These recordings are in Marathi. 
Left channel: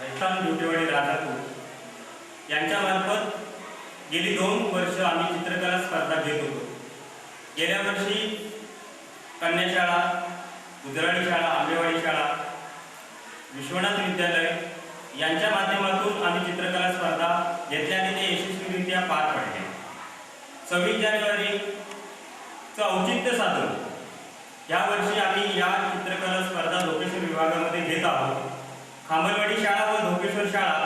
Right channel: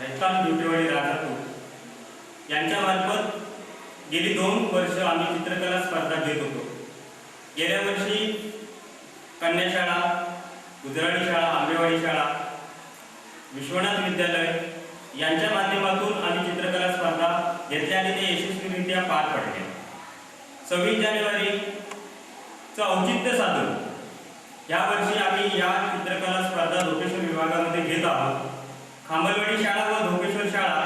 रेस्टॉरंट ड्युटीवाडी राजापूर यांच्यामार्फत गेली 2 वर्ष आम्ही चित्रकला स्पर्धा घेत होतो। गेल्या वर्षी कन्याशाळा, गुजराडी शाळा, आंबेवाडी शाळा, विश्वनाथ विद्यालय यांच्या माध्यमातून आम्ही चित्रकला स्पर्धा घेतल्या आणि ते यशस्वीरित्या पार पडले। 26 जानेवारीचं औचित्य साधून यावर्षी आम्ही या चित्रकला स्पर्धा धोकेश्वर विभागामध्ये घेत आहोत। खांबलवाडी शाळा व धोकेश्वर शाळा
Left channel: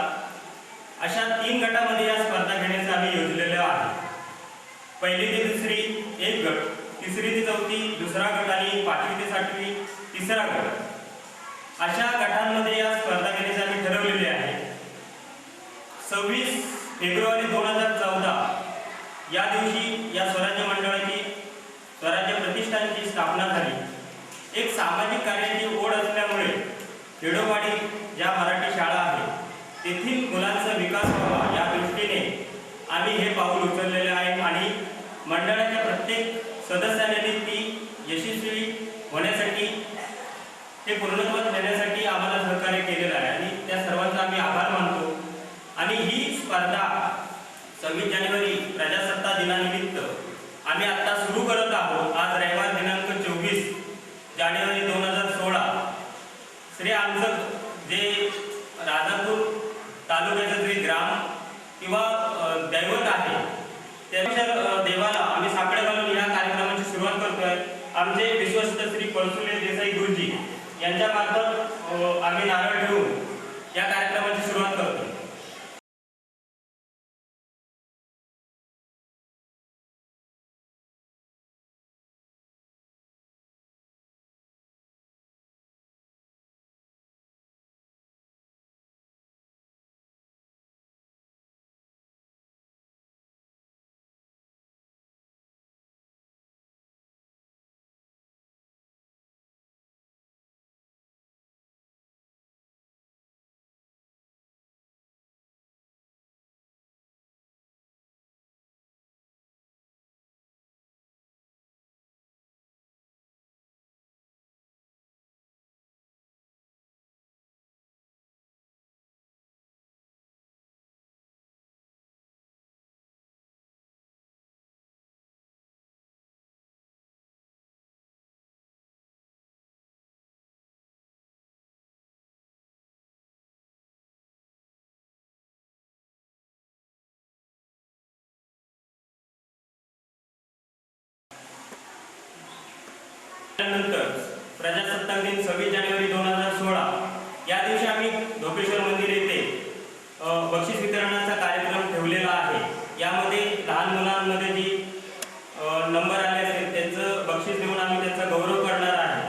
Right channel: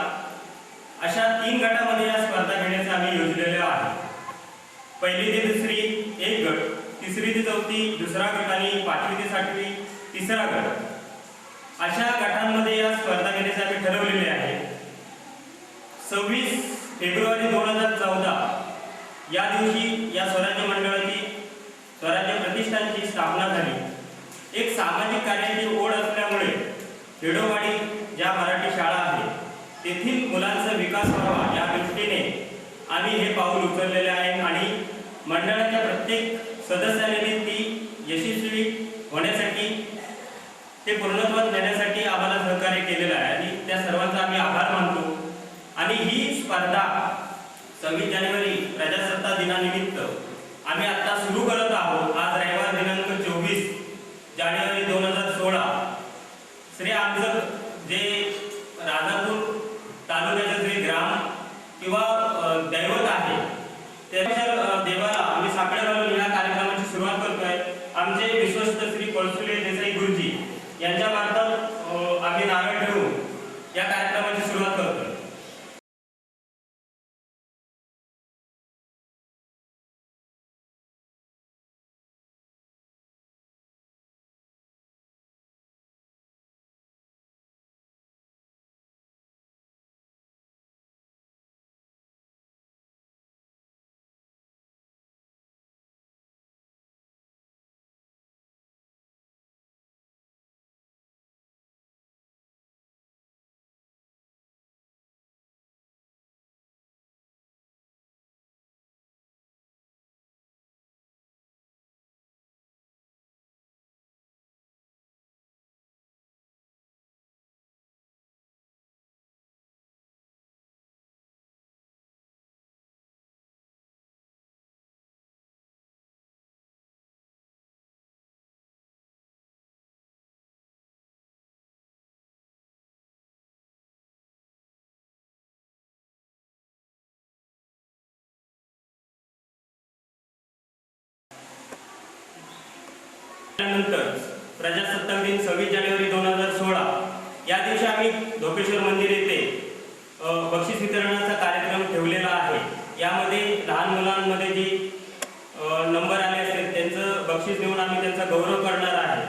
अशा 3 गटामध्ये या स्पर्धा घेण्याचे आम्ही योजलेले आहे। पहिली ते दुसरी एक गट, तिसरी ते चौथी दुसरा गट आणि 5वी ते 8वी तिसरा गट अशा गटांमध्ये या स्पर्धा घेण्याचे आम्ही ठरवलेले आहे। 26 फेब्रुवारी 2014 या दिवशी या स्वराज्य मंडळाची स्वराज्य प्रतिष्ठानची स्थापना झाली। एक सामाजिक कार्याची ओढ असल्यामुळे खेडोपाडी ज्या मराठी शाळा आहेत तेथील मुलांचा विकास व्हावा या दृष्टीने आम्ही हे पाऊल उचललेले आहे आणि मंडळाच्या प्रत्येक सदस्याने ती यशस्वी होण्यासाठी ते पूर्णत्वास नेण्यासाठी आम्हाला सहकार्य केलेलं आहे आणि त्या सर्वांचा आम्ही आभार मानतो। आणि ही स्पर्धा 26 जानेवारी प्रजासत्ताक दिनानिमित्त आम्ही आता सुरू करत आहोत। आज रविवार दिनांक 24 जानेवारी 2016 श्री आमचं जे राजापूर तालुक्याचं जे ग्राम किंवा दैवत आहे त्या देवाला आम्ही साकडे घालून या कार्यक्रमाची सुरुवात करतोय। आमचे विश्वस्त श्री पळसुले देसाई गुरुजी यांच्या मार्फत आम्ही नारळ ठेवून या कार्यक्रमाची सुरुवात करतोय। त्यानंतर प्रजासत्ताक दिन 26 जानेवारी 2016 या दिवशी आम्ही धोकेश्वर मंदिर येथे बक्षीस वितरणाचा कार्यक्रम ठेवलेला आहे। यामध्ये लहान मुलांमध्ये जी नंबर आले असेल त्यांचं बक्षीस देऊन आम्ही त्यांचा गौरव करणार आहे।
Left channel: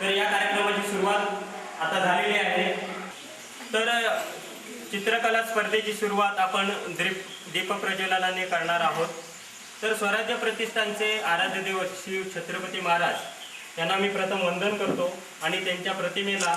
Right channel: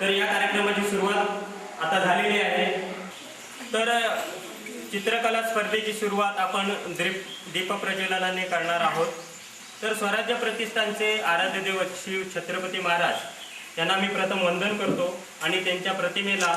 तर या कार्यक्रमाची सुरुवात आता झालेली आहे। तर चित्रकला स्पर्धेची सुरुवात आपण दीपप्रज्वलनाने करणार आहोत। तर स्वराज्य प्रतिष्ठानचे आराध्य दैवत श्री छत्रपती महाराज यांना मी प्रथम वंदन करतो आणि त्यांच्या प्रतिमेला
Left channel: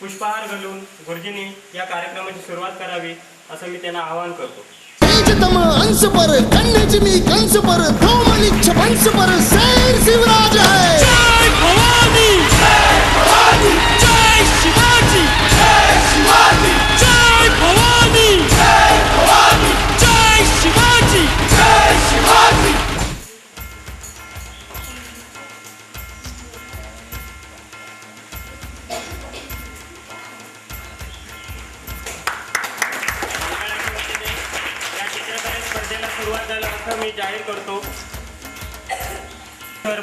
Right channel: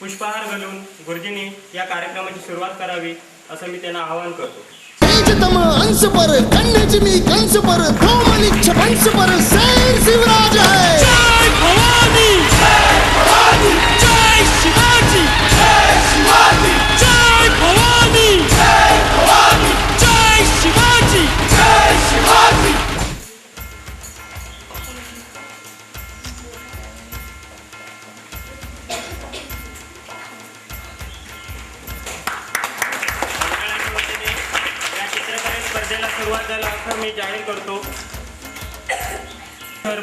पुष्पहार घालून गुरुजींनी या कार्यक्रमाची सुरुवात करावी असं मी त्यांना आवाहन करतो। तेजतम अंश पर कन्याची मी कंस पर दो मलिच्छ वंश पर शेर शिवराज है। जय भवानी, जय भवानी, जय शिवाजी, जय शिवाजी, जय भवानी, जय भवानी, जय शिवाजी, जय शिवाजी। स्पर्धेला सुरुवात झाली असं मी जाहीर करतो।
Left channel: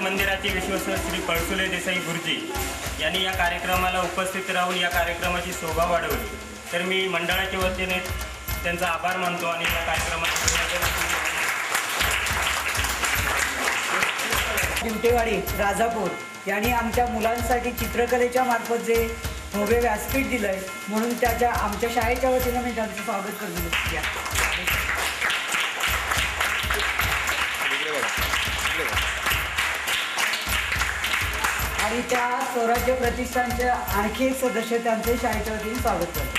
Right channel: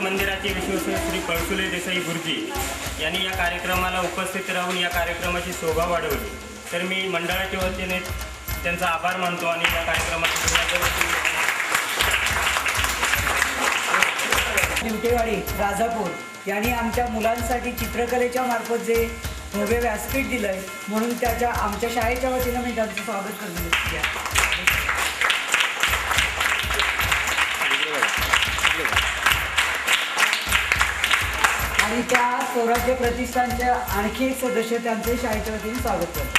मंदिराचे विश्वस्त श्री पळसुले देसाई गुरुजी यांनी या कार्यक्रमाला उपस्थित राहून या कार्यक्रमाची शोभा वाढवली। तर मी मंडळाच्या वतीने त्यांचा आभार मानतो आणि या कार्यक्रमाची ड्युटीवाडी राजापूर यांनी आमच्या मुलांसाठी चित्रकलेच्या मार्फत जे भव्य व्यासपीठ दिलंय म्हणून आमच्या शाळेच्या वतीनं मी त्यांचं स्वागत करतो। आणि त्या स्वराज्य प्रतिष्ठानच्या आणखी एक सदस्य त्यांचे शाळेच्या वतीने स्वागत करतो।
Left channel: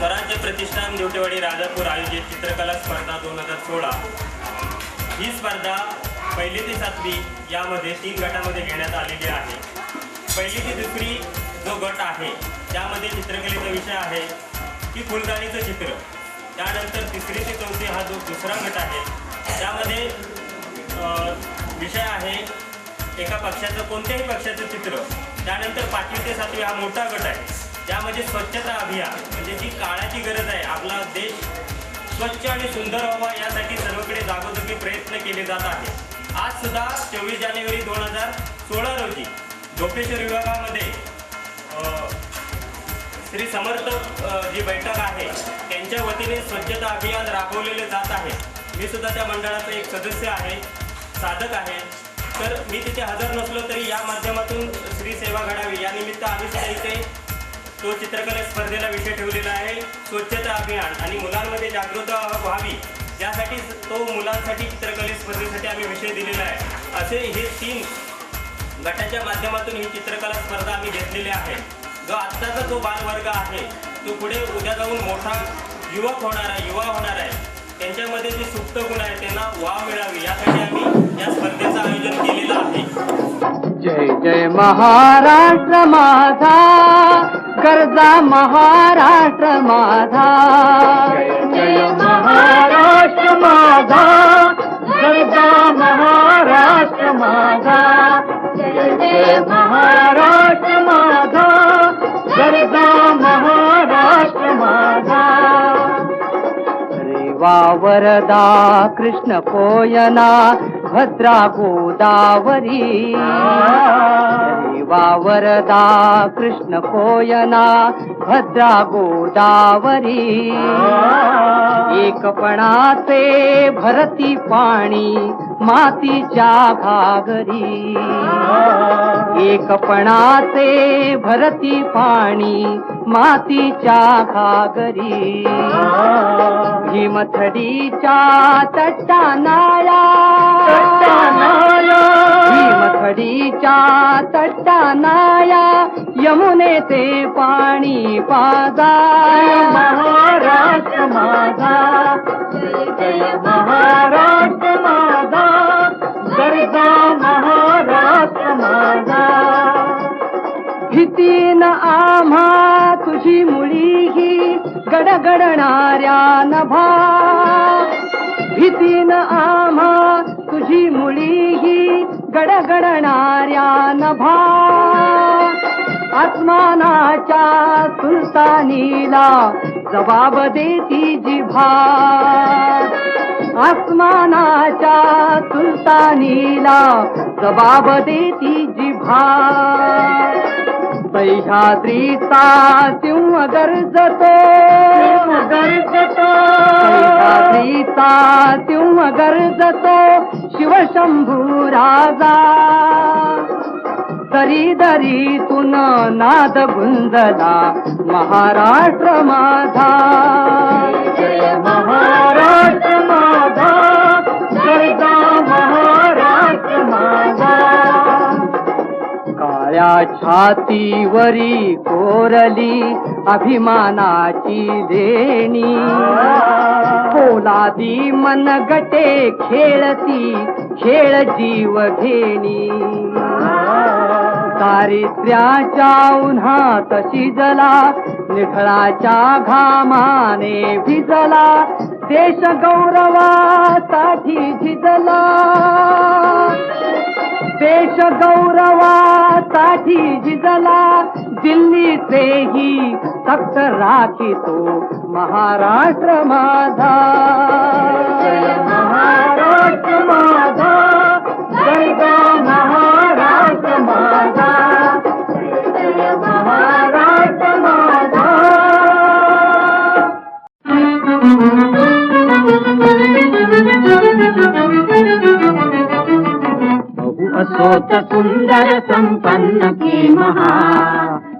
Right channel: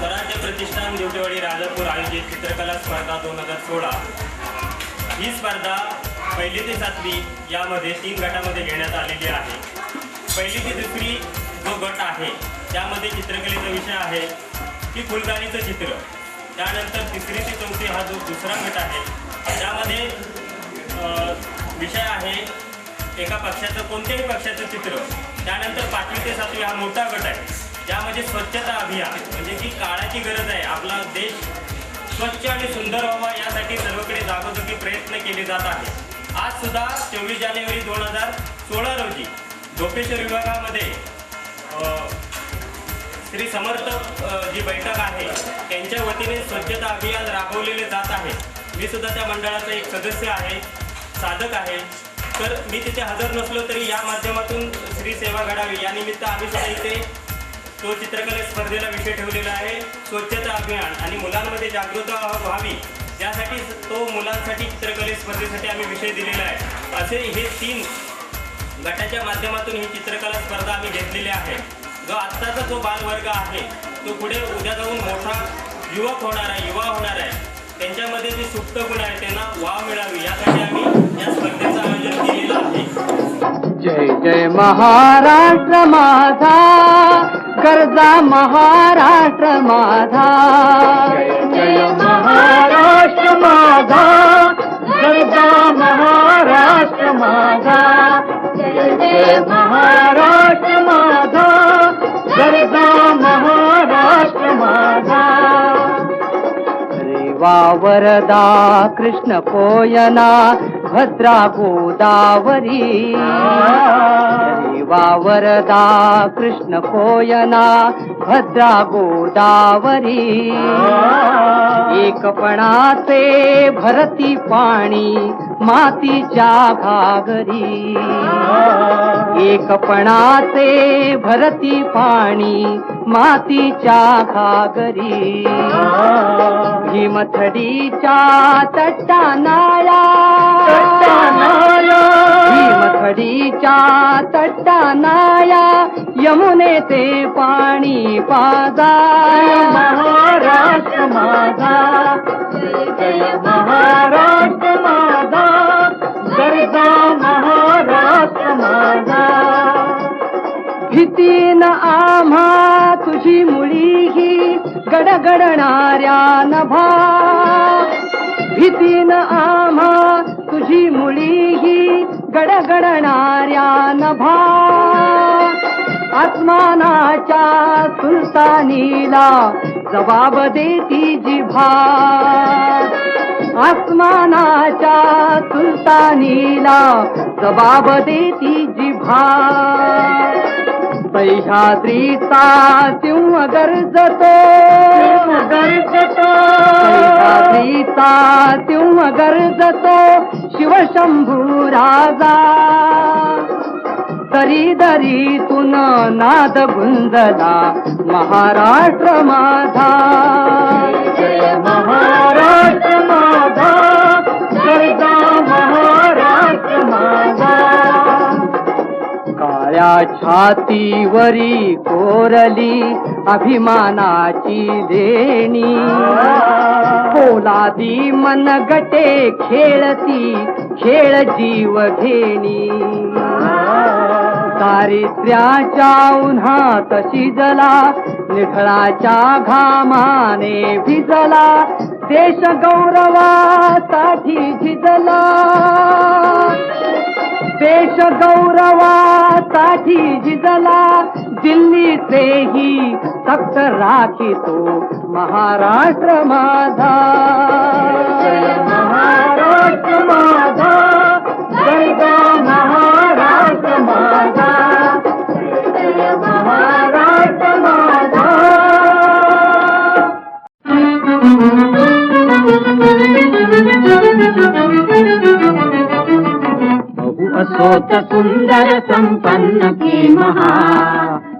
स्वराज्य प्रतिष्ठान देवटेवाडी राजापूर आयोजित चित्रकला स्पर्धा 2016 ही स्पर्धा 1ली ते 7वी यामध्ये 3 गटामध्ये घेण्यात आलेली आहे. 1ली ते 2री जो गट आहे त्यामध्ये चित्रकलेचा विषय आहे की फुलदाणीचं चित्र. त्यानंतर 3री ते 4थी हा जो दुसरा गट आहे त्यामध्ये विषय आहे एका पक्षाचं कोणत्याही पक्षाचं चित्र. त्यानंतर 5वी ते 7वी हा मोठा गट आहे त्यामध्ये स्वच्छता अभियान म्हणजे जी काळाची गरज आहे. आपला देश स्वच्छ आणि सुंदर व्हावा यासाठी सर्वकडे जागोजागी प्रयत्न केले जात आहे. आज सुद्धा 24 जानेवारी 2016 रोजी झोपेश्वर विभागामध्ये श्री समर्थ जी बैठक आहे त्यांच्या वतीने स्वच्छता अभियान राबवलेले जात आहे. मी सुद्धा त्या मंडळाचा एक सदस्य आहे, साधक आहे. तर मी तिथे हजर नसलो तरी या माध्यमातून श्री सेवा घडावी या निमित्त आम्ही सुद्धा इथे तो चित्रकला स्पर्धेला विषय ठेवलेला आहे स्वच्छता अभियान आणि मुलांमध्ये जागृती व्हावी यासाठी तो मुलांसाठी चित्रकले स्पर्धेसाठी आम्ही विषय दिलेला आहे. असे हे 3 गटाच्या माध्यमातून ही चित्रकला स्पर्धा आम्ही घेतलेली आहे. जो आत्ताचा जो बालवर्ग आहे तो पुढे उद्या जाऊन मोठा युवा होणार आहे. त्यांच्यामध्ये जे सुप्त गुण आहे त्यांना वाव मिळावी यासाठी आम्ही या स्पर्धेचं आयोजन केलेलं आहे. जय जय महाराष्ट्र माझा, गरजा महाराष्ट्र माझा. जय जय महाराष्ट्र माझा, गरजा महाराष्ट्र माझा. जय जय महाराष्ट्र माझा, गरजा महाराष्ट्र माझा. रेवा वरदा कृष्ण कोयना भद्रा गोदावरी. रेवा वरदा कृष्ण कोयना भद्रा गोदावरी. एकपणाचे भरती पाणी मातीच्या घागरी. एकपणाचे भरती पाणी मातीच्या घागरी. भीमथडीच्या तट्टानाया, भीमथडीच्या तट्टानाया यमुनेचे पाणी पाजा. महाराष्ट्र माझा, जय महाराष्ट्र माझा, गरजा महाराष्ट्र माझा. भीतीन आम्हा तुझी मुळी ही गडगडणाऱ्या नभा. भीतीन आम्हा तुझी मुळी ही गडगडणाऱ्या नभा. आसमानाच्या सुलतानीला जबाब देती जिभा. आसमानाच्या सुलतानीला जबाब देती जिभा. सह्याद्रीचा सिंह गर्जतो, सह्याद्रीचा सिंह गर्जतो शिवशंभू राजा. दरी दरीतून नाद गुंजला महाराष्ट्र माझा. जय महाराष्ट्र माझा, गरजा महाराष्ट्र माझा. काळ्या छातीवरी कोरली अभिमानाची देणी. पोलादी मनगटे खेळती खेळ जीव घेणी. दारिद्र्याच्या उन्हात शिजला, निखळाच्या घामाने भिजला. देश गौरवासाठी झिजला, देश गौरवासाठी झिजला. दिल्लीचेही तख्त राखितो महाराष्ट्र माझा. जय महाराष्ट्र माझा, जय जय महाराष्ट्र माझा, जय जय महाराष्ट्र माझा. बहु असोत सुंदर संपन्न की महा,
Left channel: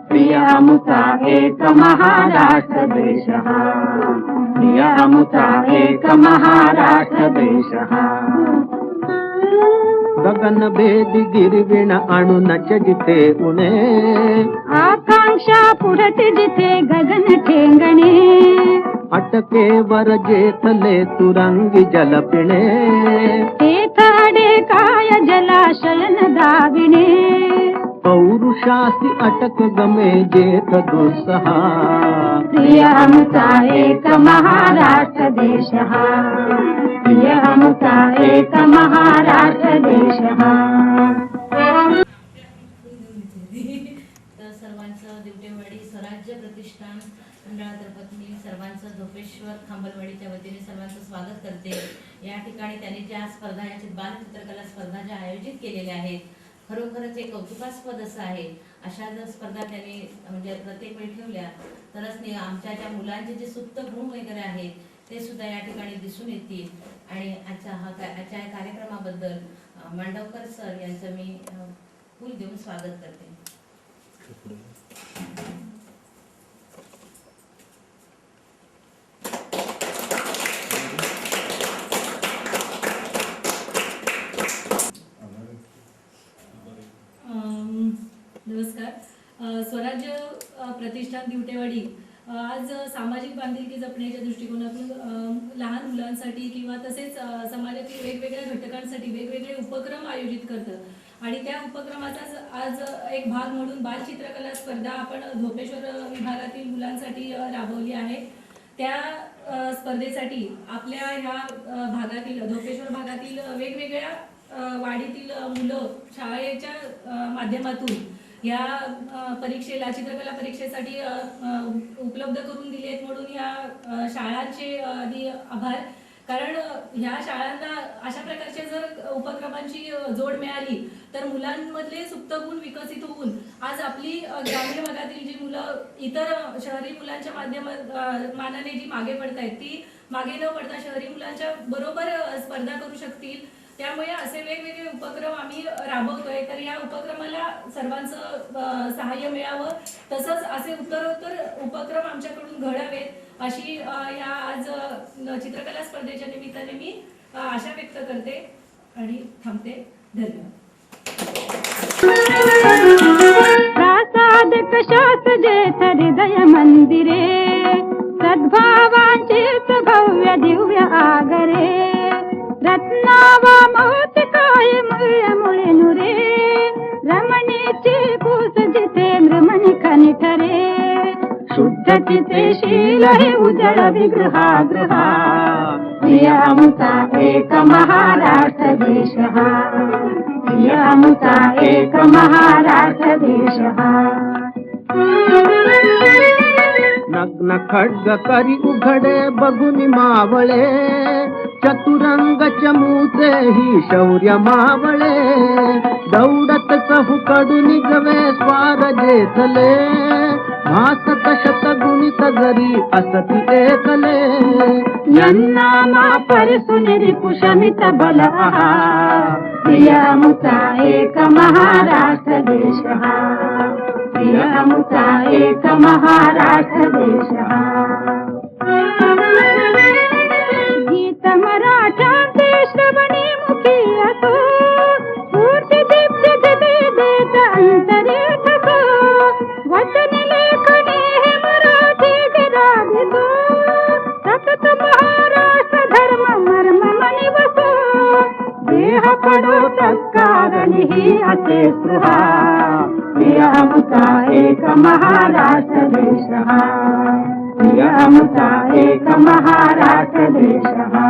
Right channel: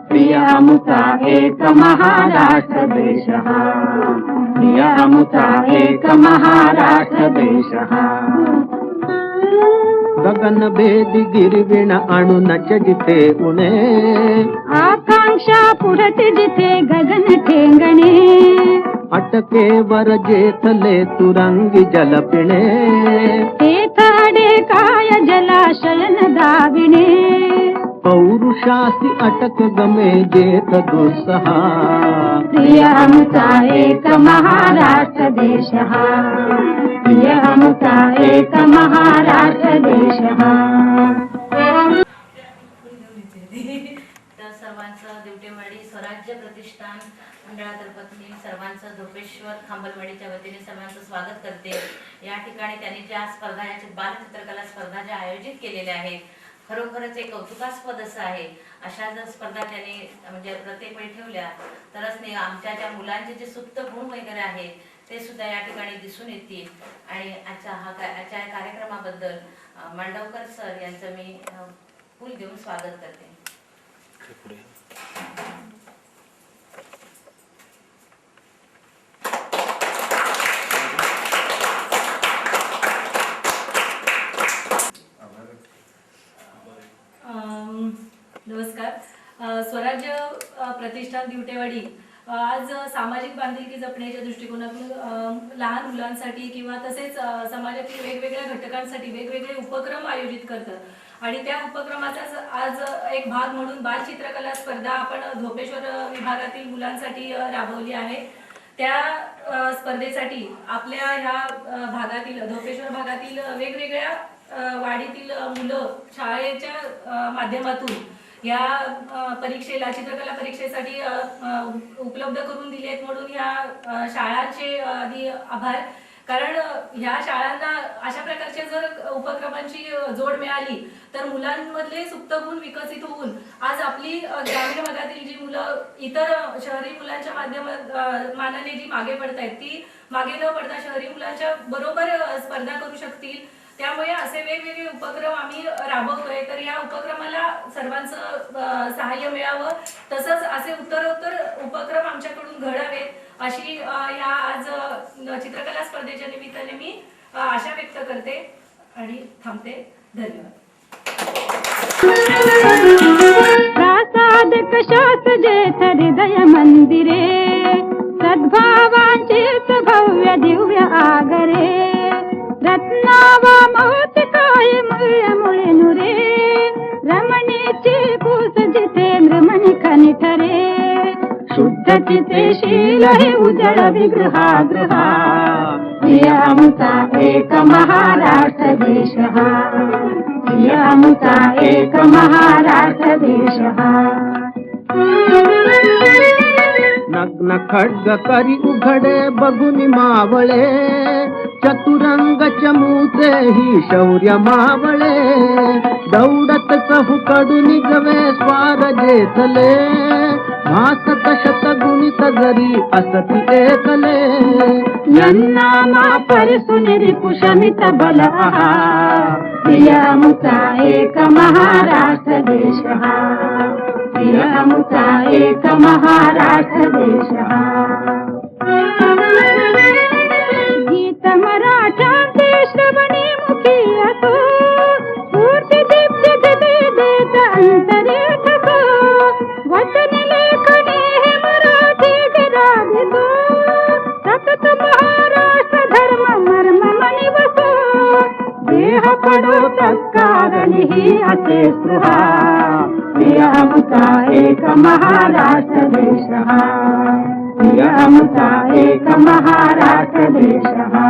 प्रिय अमुचा एक महाराष्ट्र देश हा, प्रिय अमुचा एक महाराष्ट्र देश हा. गगन भेदी गिरविण आणूनच जिथे उणे, आकांक्षा पुरते जिथे गगन ठेंगणे, अटकेवर जेथले तुरंगी जल पिणे, तेथ काय जलाशयन दाविणे, पौरुषासी अटक गमे जेथ दुस्सहा, प्रिय आमचा एक महाराष्ट्र देश हा, प्रिय आमचा एक महाराष्ट्र देश हा. तर सर्वांचं दिवटेवाडी स्वराज्य प्रतिष्ठान मंडळातर्फे मी सर्वांचं धोपेश्वर खांबलवाडीच्या वतीने सर्वांचं स्वागत करते. या ठिकाणी त्यांनी ज्या स्पर्धा या बालचित्रकला स्पर्धा ज्या आयोजित केलेल्या आहेत, खरोखरच एक कौतुकास्पद असं आहे. अशा जर स्पर्धा त्यांनी म्हणजे प्रत्येक वेळी ठेवल्या तरच नाही आमच्या ज्या मुलांचे जे सुप्त गुण वगैरे आहेत ते सुद्धा या ठिकाणी दिसून येतील. आणि आजच्या या कार्यक्रमाबद्दल मांडवकर सर यांचं मी फूल देऊन स्वागत करते. नमस्कार. स्वराज्य प्रतिष्ठान दिवटेवाडी आज सामाजिक बांधिलकी जपण्याच्या दृष्टिकोनातून लहान मुलांसाठी किंवा तसेच समाजातील वेगवेगळ्या घटकांसाठी वेगवेगळे उपक्रम आयोजित करतं आणि त्या उपक्रमाचा आज एक भाग म्हणून बालचित्रकला स्पर्धा आपण धोपेश्वर विभागातील मुलांसाठी राबवली आहे. त्या स्पर्धेसाठी आपल्या ह्या भागातील धोपेश्वर भागातील वेगवेगळ्या वाडीतील मुलं शाळेच्या माध्यमातून या परीक्षेला चित्रकला परीक्षेसाठी उपलब्ध करून दिलेत म्हणून ह्या शाळांचे आधी आभार. कारण ह्या शाळांना अशा प्रकारच्या जर उपक्रमांची जोड मिळाली तर मुलांमधले सुप्त गुण विकसित होऊन आज आपली ग्रामीण भागातील जी मुलं इतर शहरी मुलांच्या मानाने जी मागे पडत आहेत ती मागे न पडता शहरी मुलांच्या बरोबर स्पर्धा करू शकतील. त्यामुळे असे वेगवेगळे उपक्रम आम्ही राबवतोय. तर या उपक्रमाला सर्वांचं सहाय्य मिळावं, तसंच असे उत्तरोत्तर उपक्रम आमच्याकडून घडावेत अशी या आज चित्रकला स्पर्धेच्या निमित्ताने मी आशा व्यक्त करते आणि थांबते. धन्यवाद. प्रासाद कशात जेथ हृदय मंदिरे, सद्भावांचेच भव्य दिव्य आगरे, रत्नावा मोती काय मुळे मुळे नुरे, रमणीची कूस जिथे मृमणी खनि ठरे, शुद्ध चिते शील हे उजळ विगृहा, प्रिय आमचा एक महाराष्ट्र देश हा, प्रिय आमचा एक महाराष्ट्र देश हा. नग्न खड्ग करी उघडे बघुनी मावळे, चतुरंग चमूचे ही शौर्य मावळे, दौडत चहूकडून गवे स्वार जेथले, भासत शतगुणित जरी असती एकले, यन्नामा परिसुनिरी कुशमित बल आहा, प्रिय आमचा एक महाराष्ट्र देश हा, प्रिय आमचा एक महाराष्ट्र देश हा. गीत मराठ्यांचे श्रवणी मुखी असो, स्फूर्ती दीप्ती गती देत अंतरे ठसो, वचन लेखणी हे मराठी गिरावितो, सतत महाराष्ट्र धर्म मर्म मनी वसो, देह पडो तत्कारणी ही असे स्पृहा, प्रिय आमचा एक महाराष्ट्र देश हा, प्रिय आमचा एक महाराष्ट्र देश हा.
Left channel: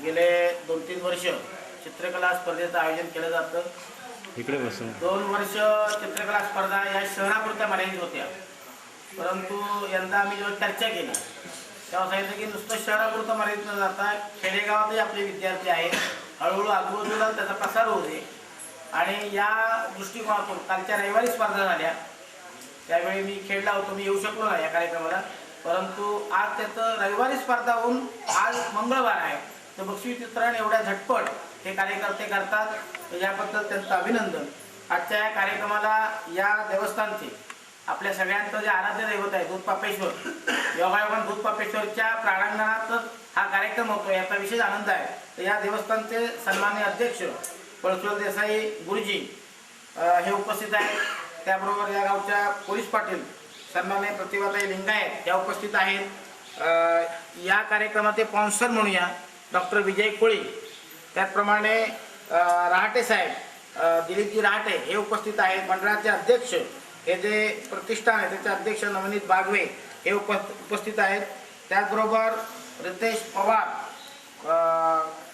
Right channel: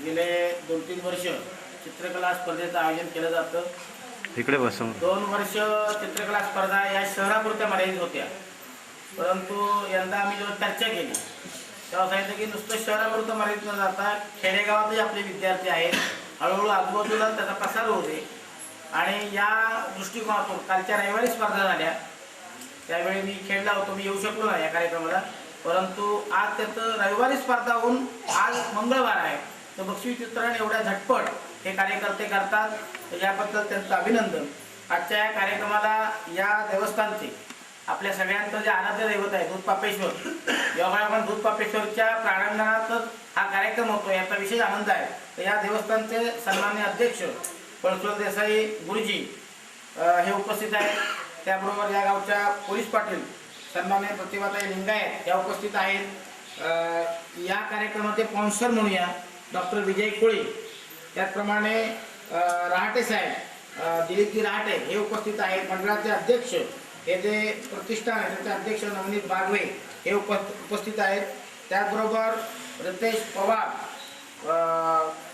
गेले 2-3 वर्ष चित्रकला स्पर्धेचं आयोजन केलं जातं. इकडे बसून 2 वर्ष चित्रकला स्पर्धा या शहरापुरत्या मर्यादित होत्या, परंतु यंदा आम्ही जेव्हा चर्चा केली तेव्हा सांगितलं की नुसतं शहरापुरतं मर्यादित न जाता खेडेगावातही आपले विद्यार्थी आहेत, हळूहळू आजूबाजूला त्याचा प्रसार होऊ दे. आणि या दृष्टिकोनातून कालच्या रविवारी स्पर्धा झाल्या, त्यावेळी मी खेळला होतो, मी येऊ शकलो नाही या कार्यक्रमाला, परंतु आज त्याचं रविवारी स्पर्धा होऊन आज मंगळवार आहे, तर बक्षीस वितरण एवढ्या झटपट हे कार्यकर्ते करतात, तर याबद्दल त्यांचं अभिनंदन. आजच्या या कार्यक्रमाला या देवस्थानचे आपल्या सगळ्यांचं जे आराध्य दैवत आहे दूधपापेश्वर, योगायोगाने दूधपापेश्वरच्या प्रांगणातच हा कार्यक्रम होतो, याचा विशेष आनंद आहे. तर या देवस्थानचे सन्माननीय अध्यक्ष पळसुळ देसाई गुरुजी हे उपस्थित आहेत. त्याबरोबर या गावच्या पोलीस पाटील सन्माननीय प्रतिभाताई लिंगायत या उपस्थित आहेत. या कार्यक्रमाचे स्पॉन्सर म्हणूया डॉक्टर विजय कोळी, त्याचप्रमाणे रहाटे साहेब दिलीपजी रहाटे हे उपस्थित आहेत. मंडळाचे अध्यक्ष हे जे प्रतिष्ठान आहे त्याचे अध्यक्ष नवनीत बागवे हे उपस्थित आहेत. त्याचबरोबर रितेश पवार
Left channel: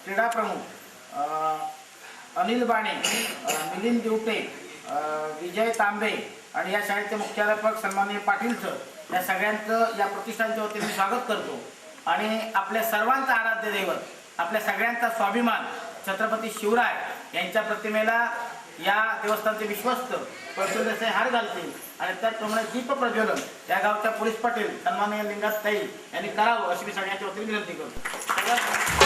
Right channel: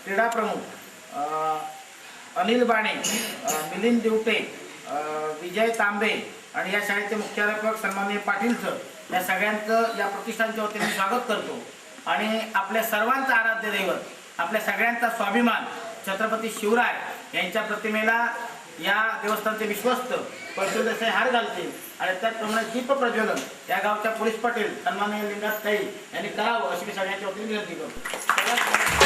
क्रीडा प्रमुख, अनिल बाणे, मिलिंद दिवटे, विजय तांबे आणि या शाळेचे मुख्याध्यापक सन्माननीय पाटील सर, या सगळ्यांचं या प्रतिष्ठानच्या वतीने मी स्वागत करतो. आणि आपल्या सर्वांचं आराध्य दैवत, आपल्या सगळ्यांचा स्वाभिमान छत्रपती शिवराय यांच्या प्रतिमेला या देवस्थानचे विश्वस्त पळसुळ देसाई हार घालतील आणि त्याचप्रमाणे दीप प्रज्वलन या गावच्या पोलीस पाटील सन्माननीय लिंगात ताई यांनी करावं अशी मी सगळ्यांच्या वतीने विनंती करतो.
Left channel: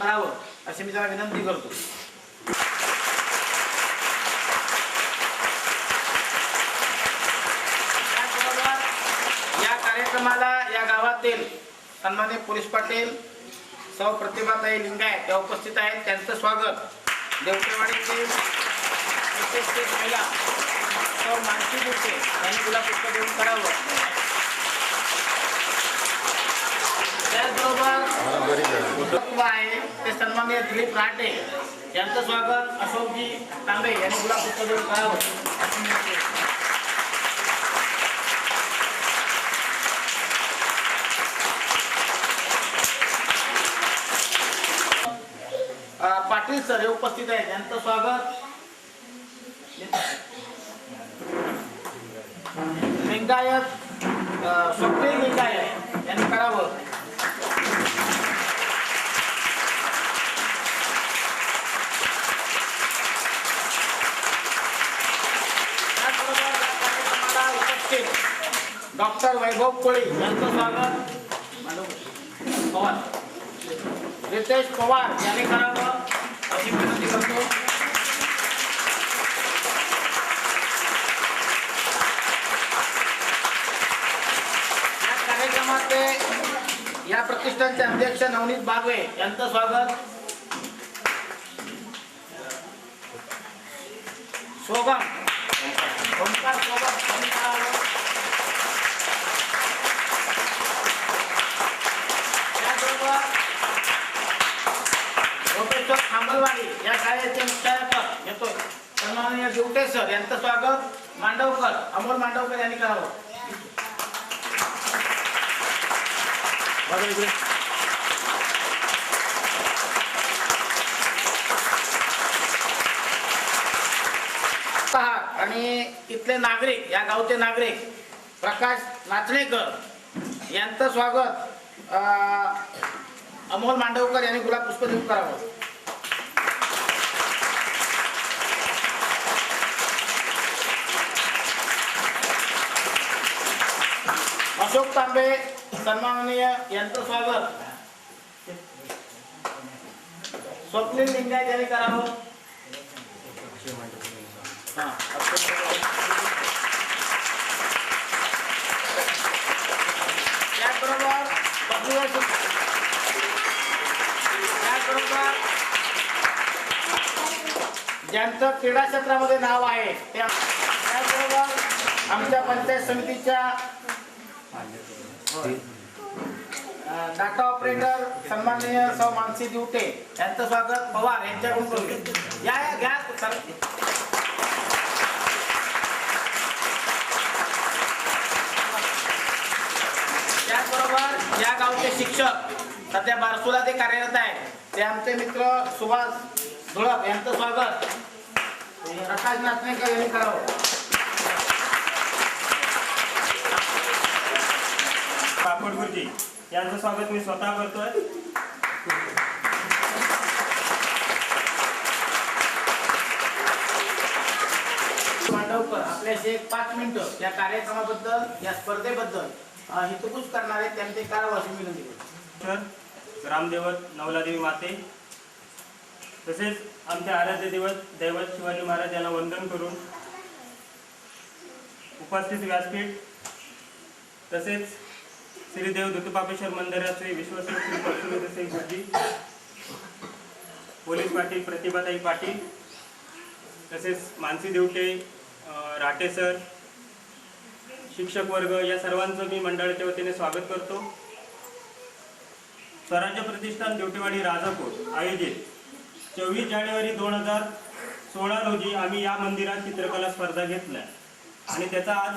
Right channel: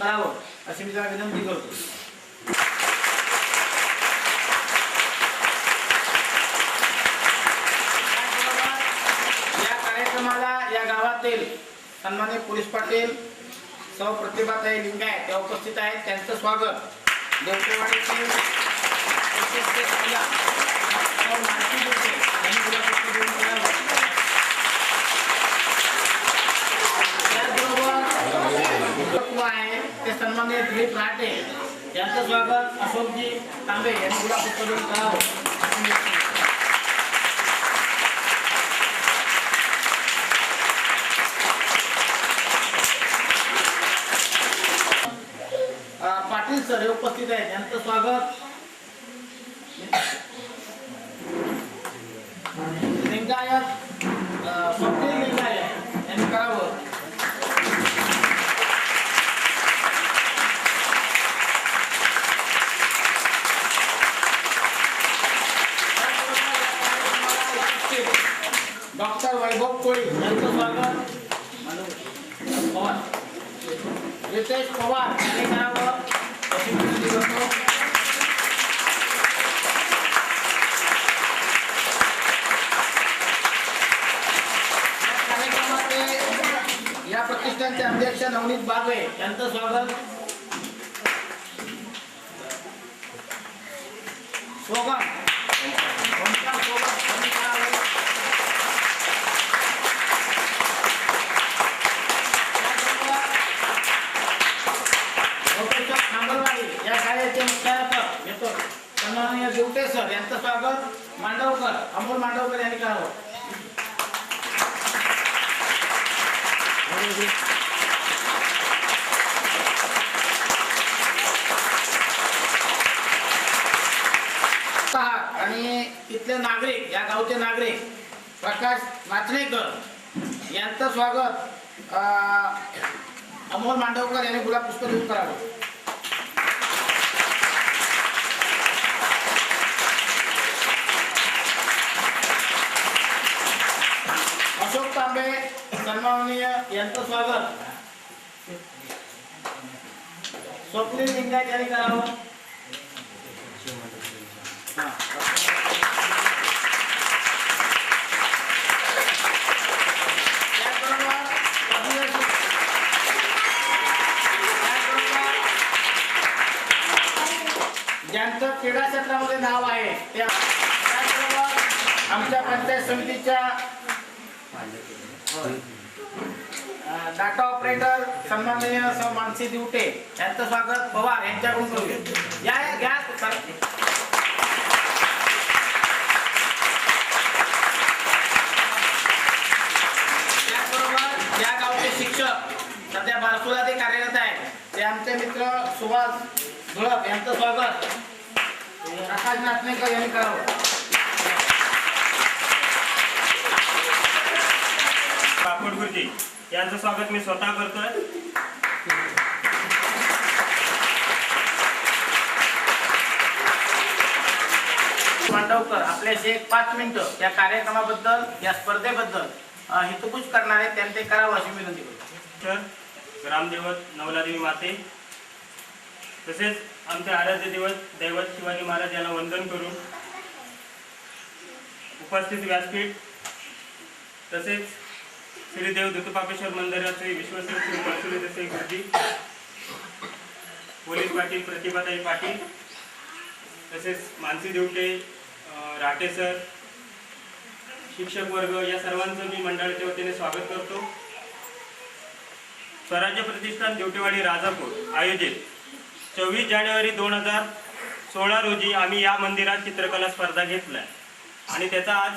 करावं अशी मी त्याला विनंती करतो. या कार्यक्रमाला या गावातील सन्माननीय पोलीस पाटील सौ प्रतिभाताई लिंगायत या उपस्थित आहेत, त्यांचं स्वागत देवटेवाडीचे महिला सौ मानसी दुसरे यांनी तुला पुष्प देऊन करावं. आहे ते सन्माननीय दिलीप राटे यांचं स्वागत अशोकजी तांबे यांनी गुलाब पुष्प देऊन करावं. पाटील सर हे उपस्थित आहेत, यांचं स्वागत लिंगायत स्वप्नील लिंगायत यांनी करावं. डॉक्टर वैभव कोळी यांचं स्वागत पवार, रितेश पवार यांनी करावं अशी विनंती करतो. या कार्यक्रमाचे या प्रतिष्ठानचे अध्यक्ष नवनीत बागवे यांचं स्वागत. सोगम ओंकार सोबत यांनी करावं. खांबलवाडी या शाळेचे मुख्याध्यापक येतो सन्माननीय दिवटे सर यांचं स्वागत मांडवकर अमोल मांडवकर यांनी करावं. आणि इथले नागरिक या गावचे नागरिक प्रकाश नाचणेकर यांचं स्वागत अमोल मांडवकर यांनी गुलाब पुष्प देऊन करावं. अशोक तांबे सन्माननीय यांचं स्वागत स्वप्नील लिंगायत यांनी करावं. त्याचबरोबर ज्यांचं क्रीडा क्षेत्रामध्ये नाव आहे त्याबरोबर आमच्या पंचायत समितीच्या डाटा ऑपरेटर सन्माननीय सौ मानसी दिवटे यांचं स्वागत पवार यांच्याकडून करूया. या घ्या सर. त्याचबरोबर या गावचे शिक्षक सध्या बारसूला ते कार्यरत आहेत ते आमचे मित्र सुभाष धुळप यांचं स्वागत आकाश नाचणेकर यांनी करावं. बापट गुरुजी यांचं स्वागत मी स्वतः करतोय. मांडवकर आपल्याशी 5 मिनिटं या कार्यक्रमाबद्दल या स्पर्धेबद्दल हितगुज करणारे त्यांचे करावं अशी विनंती करतो. ग्रामदेवत नवलादेवी माते तसेच आमचे आराध्य दैवत शिवाजी महाराज यांना वंदन करून उपस्थित व्यासपीठ तसेच श्री देव दत्तपापेश्वर मंदिराचे विश्वस्त श्री परशुराम देसाई गुरुजी, पोलीस पाटील प्रतिभाताई पाटील तसेच मानसी देवटे, राटे सर, शिक्षक वर्ग या सर्वांचं मी मंडळाच्या वतीने स्वागत करतो. स्वराज्य प्रतिष्ठान देवटेवाडी राजापूर आयोजित 24 जानेवारी 2016 रोजी आम्ही या मंदिरात चित्रकला स्पर्धा घेतल्या आणि त्याचा आज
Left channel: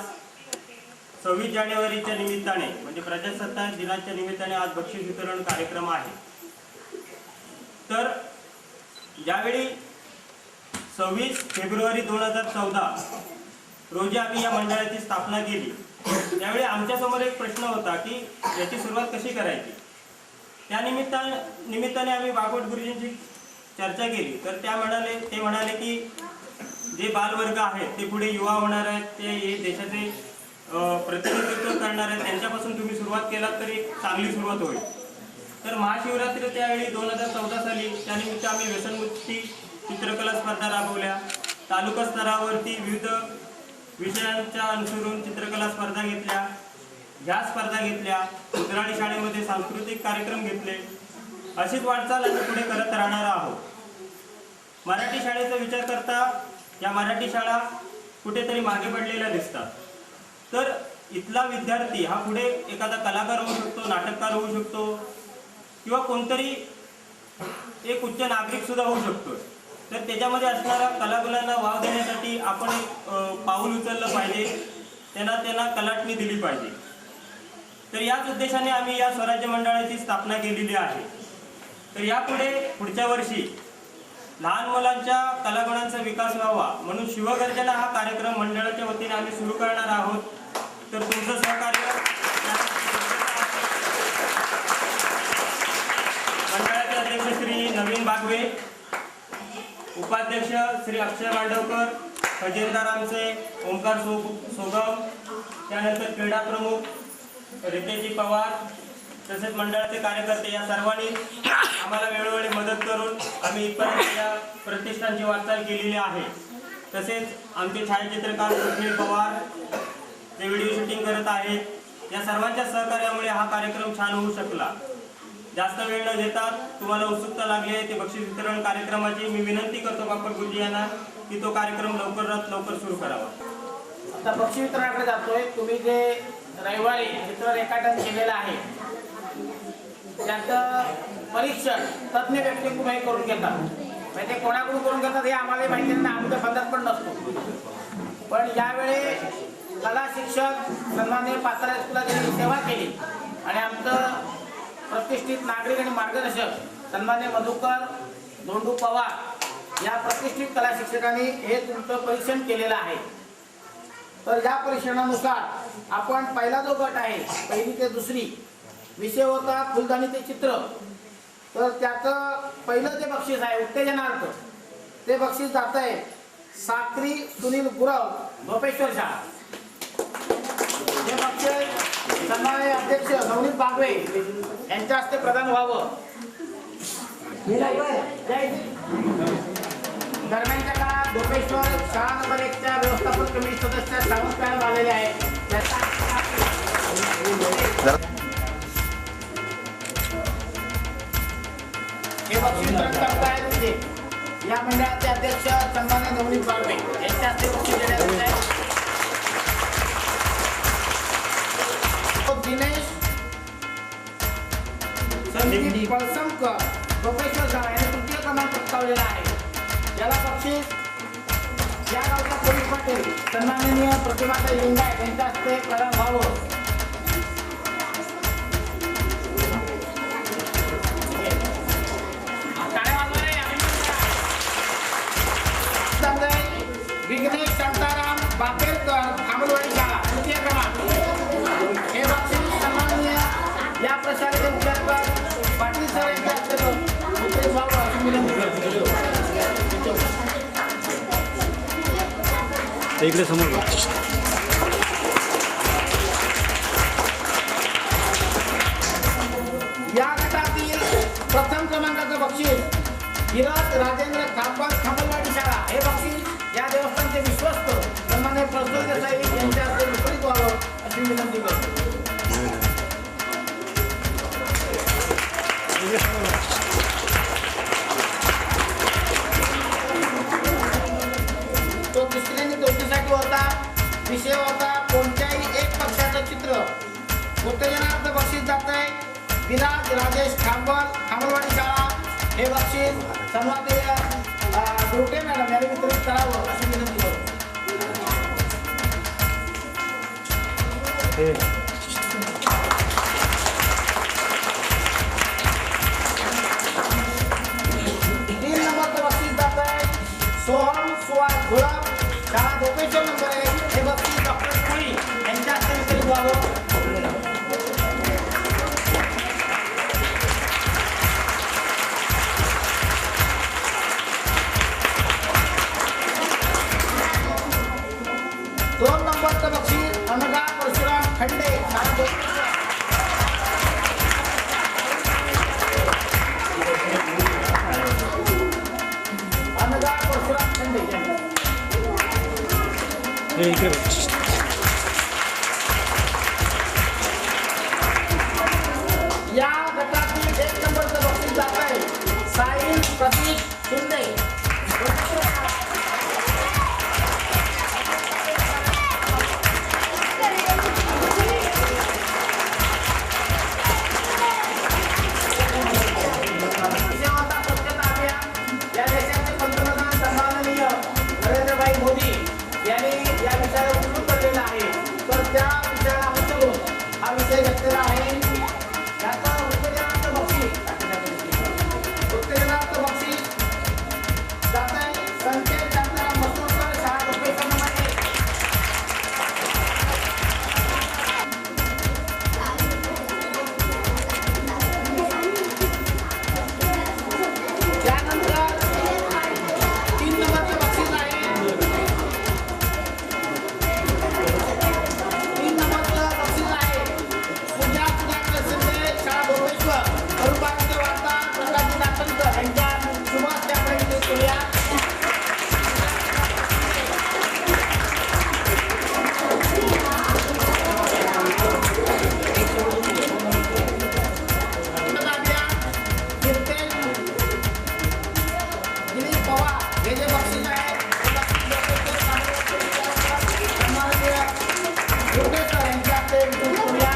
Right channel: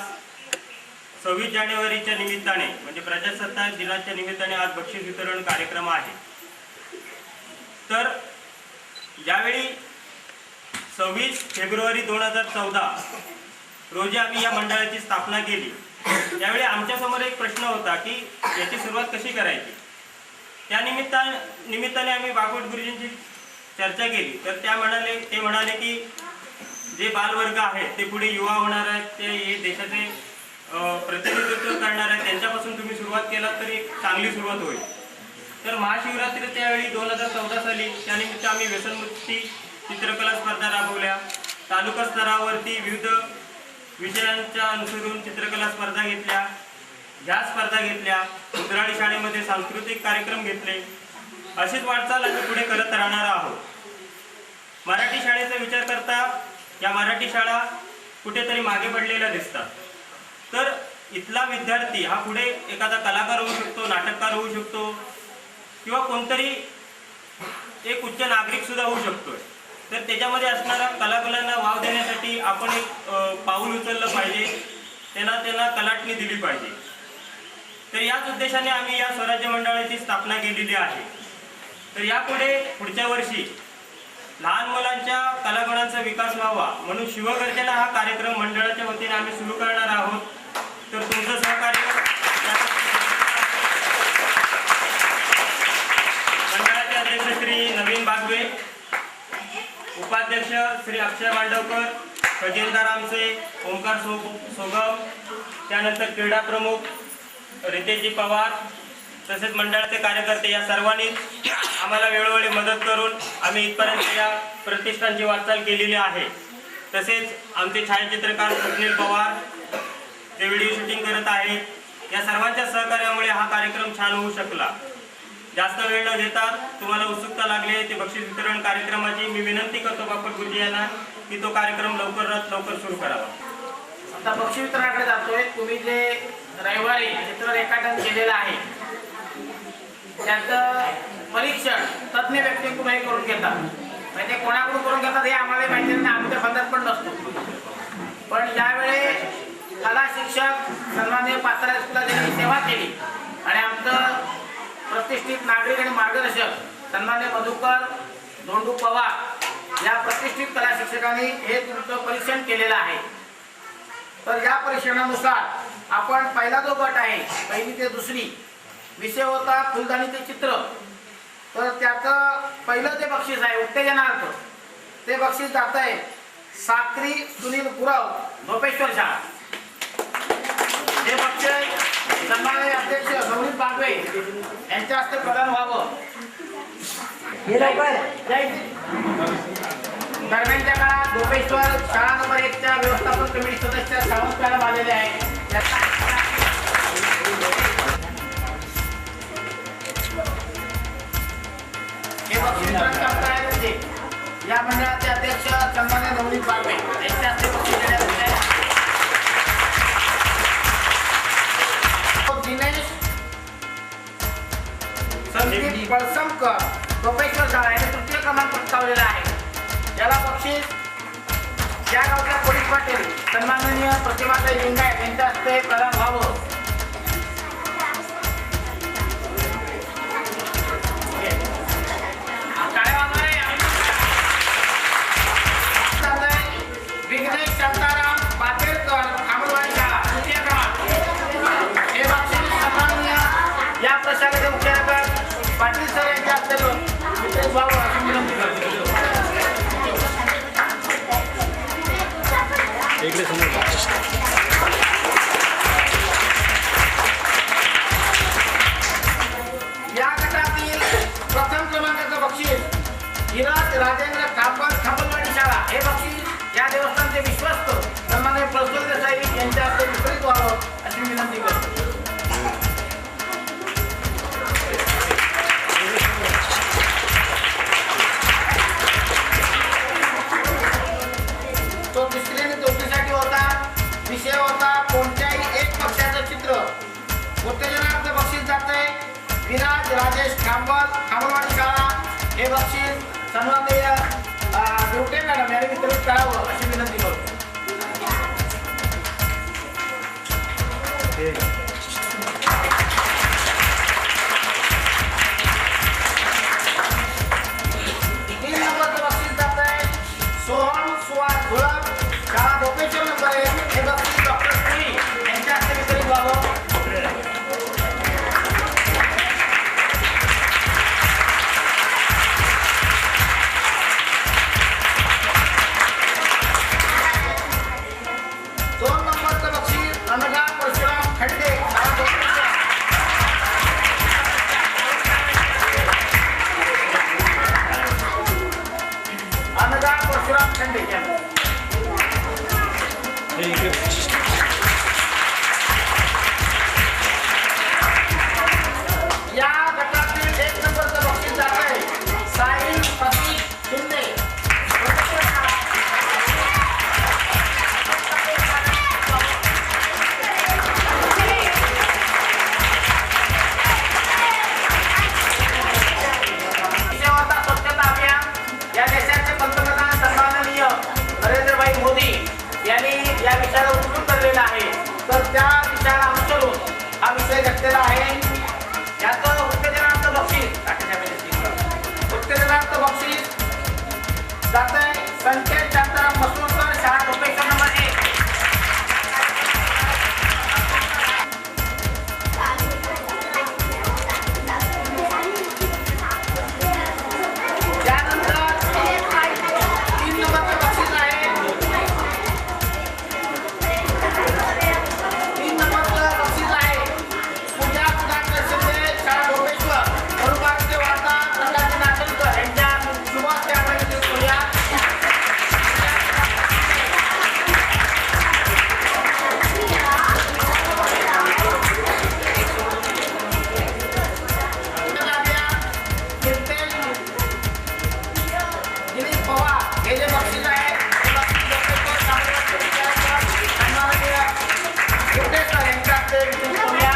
26 जानेवारीच्या निमित्ताने म्हणजे प्रजासत्ताक दिनाच्या निमित्ताने आज बक्षीस वितरण कार्यक्रम आहे. तर ज्यावेळी 26 फेब्रुवारी 2014 रोजी आम्ही या मंडळाची स्थापना केली त्यावेळी आमच्यासमोर एक प्रश्न होता की याची सुरुवात कशी करायची. त्या निमित्ताने आम्ही बागवट गुरुजींची चर्चा केली तर ते म्हणाले की जे बालवर्ग आहेत ते पुढे युवा होणार आहेत, ते हे देशाचे प्रतिनिधित्व करणार आहेत, त्यांच्यापासून तुम्ही सुरुवात केलात तरी एक चांगली सुरुवात होईल. तर महाशिवरात्री त्यावेळी 2014 साली त्यानिमित्त आम्ही व्यसनमुक्ती चित्रकला स्पर्धा राबवल्या. तालुका स्तरावरती विविध विषयांच्या अनुसरून चित्रकला स्पर्धा घेतल्या. ह्या स्पर्धा घेतल्या. उतराळी शाळेमध्ये सांस्कृतिक कार्यक्रम घेतले. अशीच वाटचाल आम्ही पुढे करत राहणार आहोत. मराठी शाळेचा विचार करता या मराठी शाळा कुठेतरी मागे पडलेल्या दिसतात. तर इथला विद्यार्थी हा पुढे एखादा कलाकार होऊ शकतो, नाटककार होऊ शकतो किंवा कोणतरी एक उच्च नागरिक सुद्धा होऊ शकतो. तर त्याच्यामध्ये असणाऱ्या कलागुणांना वाव देण्यासाठी आपण एक पाऊल उचललं पाहिजे, त्यांना कलाटणी दिली पाहिजे. तर याच उद्देशाने आम्ही या स्वराज्य मंडळाची स्थापना केलेली आहे. तर यापुढे पुढच्या वर्षी लहान मुलांच्या कलागुणांचा विकास व्हावा म्हणून शिवगर्जना हा कार्यक्रम मंडळाच्या वतीने आम्ही सुरू करणार आहोत. तर तुमचं सहकार्य मंडळाचे अध्यक्ष श्री नवीन बागवे, उपाध्यक्ष श्री अक्षय मांडवकर, खजिनदार आमचे ओंकार सोगम, त्यानंतर क्रीडा प्रमुख रितेशजी पवार तसेच मंडळाचे कार्यकर्ते या सर्वांनी आम्हाला वेळोवेळी मदत करून आम्ही इथपर्यंत या प्रतिष्ठानची वाटचाल केलेली आहे. तसेच आमचे छायाचित्रकार सुनील पवार ते व्हिडिओ शूटिंग करत आहेत. या सर्वांच्या सहकार्यामुळे हा कार्यक्रम छान होऊ शकला. जास्त वेळ न देता तुम्हाला उत्सुकता लागली आहे ते बक्षीस वितरण कार्यक्रमाची मी विनंती करतो बापट गुरुजी यांना की तो कार्यक्रम लवकरात लवकर सुरू करावा. आता बक्षीस वितरणाकडे जातोय. तुम्ही जे रविवारी चित्र रेखाटन केलेलं आहे त्याचं परीक्षण तज्ज्ञ व्यक्तीकडून हे करून घेतात. म्हणजे कोणाकडून करून घेतात हे आम्हाला माहिती नाही, आम्ही त्या बंधात पण नसतो. पण ज्यावेळी कला शिक्षक सन्माननीय पात्रा स्कूलला त्यांनी सेवा केली आणि आमचं प्रतिष्ठित नागरिक आणि मार्गदर्शक सन्माननीय मधुकर धोंडू पवार या प्रतिष्ठित कला शिक्षकांनी हे तुमचं परीक्षण केलेलं आहे. तर या परीक्षणानुसार आपण पहिला जो गट आहे 1ली ते 2री विषय होता फुलदाणीचे चित्र. तर त्याचं पहिलं जे बक्षीस आहे उत्तेजनार्थ ते बक्षीस जात आहे साक्री सुनील गुरव, धोपेश्वर शाळा. हे बक्षीस सन्माननीय अध्यक्ष नवनीत बागवे यांच्या हस्ते प्रदान व्हावं. दरम्यानच्या काळात धोपेश्वर शाळा नंबर 1च्या व्यवस्थापन कमिटी सदस्य सावंत मॅडम आलेले आहेत. हे बक्षीस वितरण करतायत या मंडळाचे अध्यक्ष सन्मान्य नवनीत बारवे यांच्या हस्ते बक्षीस देण्यात येत आहे. दिनेश संदीप पळसमकर प्रोफेसर शाळा यांनी तृतीय क्रमांक पटकावलेला आहे. याला बक्षीस या गावच्या पोलीस पाटील सन्माननीय प्रतिभाताई लिंगायत यांच्या हस्ते प्रदान व्हावं. विघ्नेश शांताराम बाकेरकर खामलवाडी शाळा तृतीय क्रमांक. हे बक्षीस सन्माननीय या प्रशालेचे मुख्याधिकारी पाटील सर यांच्या हस्ते वितरित व्हावं अशी विनंती करतो. इकडे समोर या गटातील प्रथम क्रमांकाचं बक्षीस धीरज राजेंद्र खापर खामलवाडी शाळा. हे बक्षीस या देवस्थानचे विश्वस्त सन्मान्य प्रसूल देसाई यांच्या हस्ते वितरित व्हावं अशी विनंती करतो. तो तिसरी आणि चौथीसाठी होता. विषय होता कोणत्याही एक पक्षाचं चित्र. उत्तेजनार्थ बक्षीस जात आहे विराज राजेश खामलवाडी शाळा. हे बक्षीस सन्माननीय दुर्टे मॅडम यांनी वितरित करावं अशी विनंती करतो. तीन नंबरचं बक्षीस जात आहे सोहम सुहास घोळप शाळा भोपेश्वर नंबर 1. हे बक्षीस डॉक्टर पुरी यांच्या हस्ते वितरित व्हावं. दोन नंबरचं बक्षीस अनगा परशुराम खंडे शाळा भोपेश्वर. अनगा परशुराम खंडे या गटातील एक नंबरचं बक्षीस जात आहे साई प्रतीक शिंदे. स्वच्छता अभियान या देशाचे पंतप्रधान सन्माननीय नरेंद्रभाई मोदी यांनी या विषयाला उद्धृत करलेला आहे. तर त्या विषयाला अनुसरून हा विषय घेतलेला आहे. याचं उत्तेजनार्थ बक्षीस जात आहे संकेत शांताराम मसोडकर शाळा भोपेश्वर नंबर 1. त्यानंतर 3 नंबरचं बक्षीस आहे 3 नंबरचं बक्षीस आहे पूजा सुधाकर शिंदे शाळा भोपेश्वर. अनुभागचे वार्ताहर प्रकाशजी नाटणकर यांच्या शुभ हस्ते आपण वितरित करूया. दिलीप पवार हे जे बक्षीस आहे ते बक्षीस डॉक्टर सन्माननीय गुप्तेश्वर यांच्या हस्ते वितरित करूया.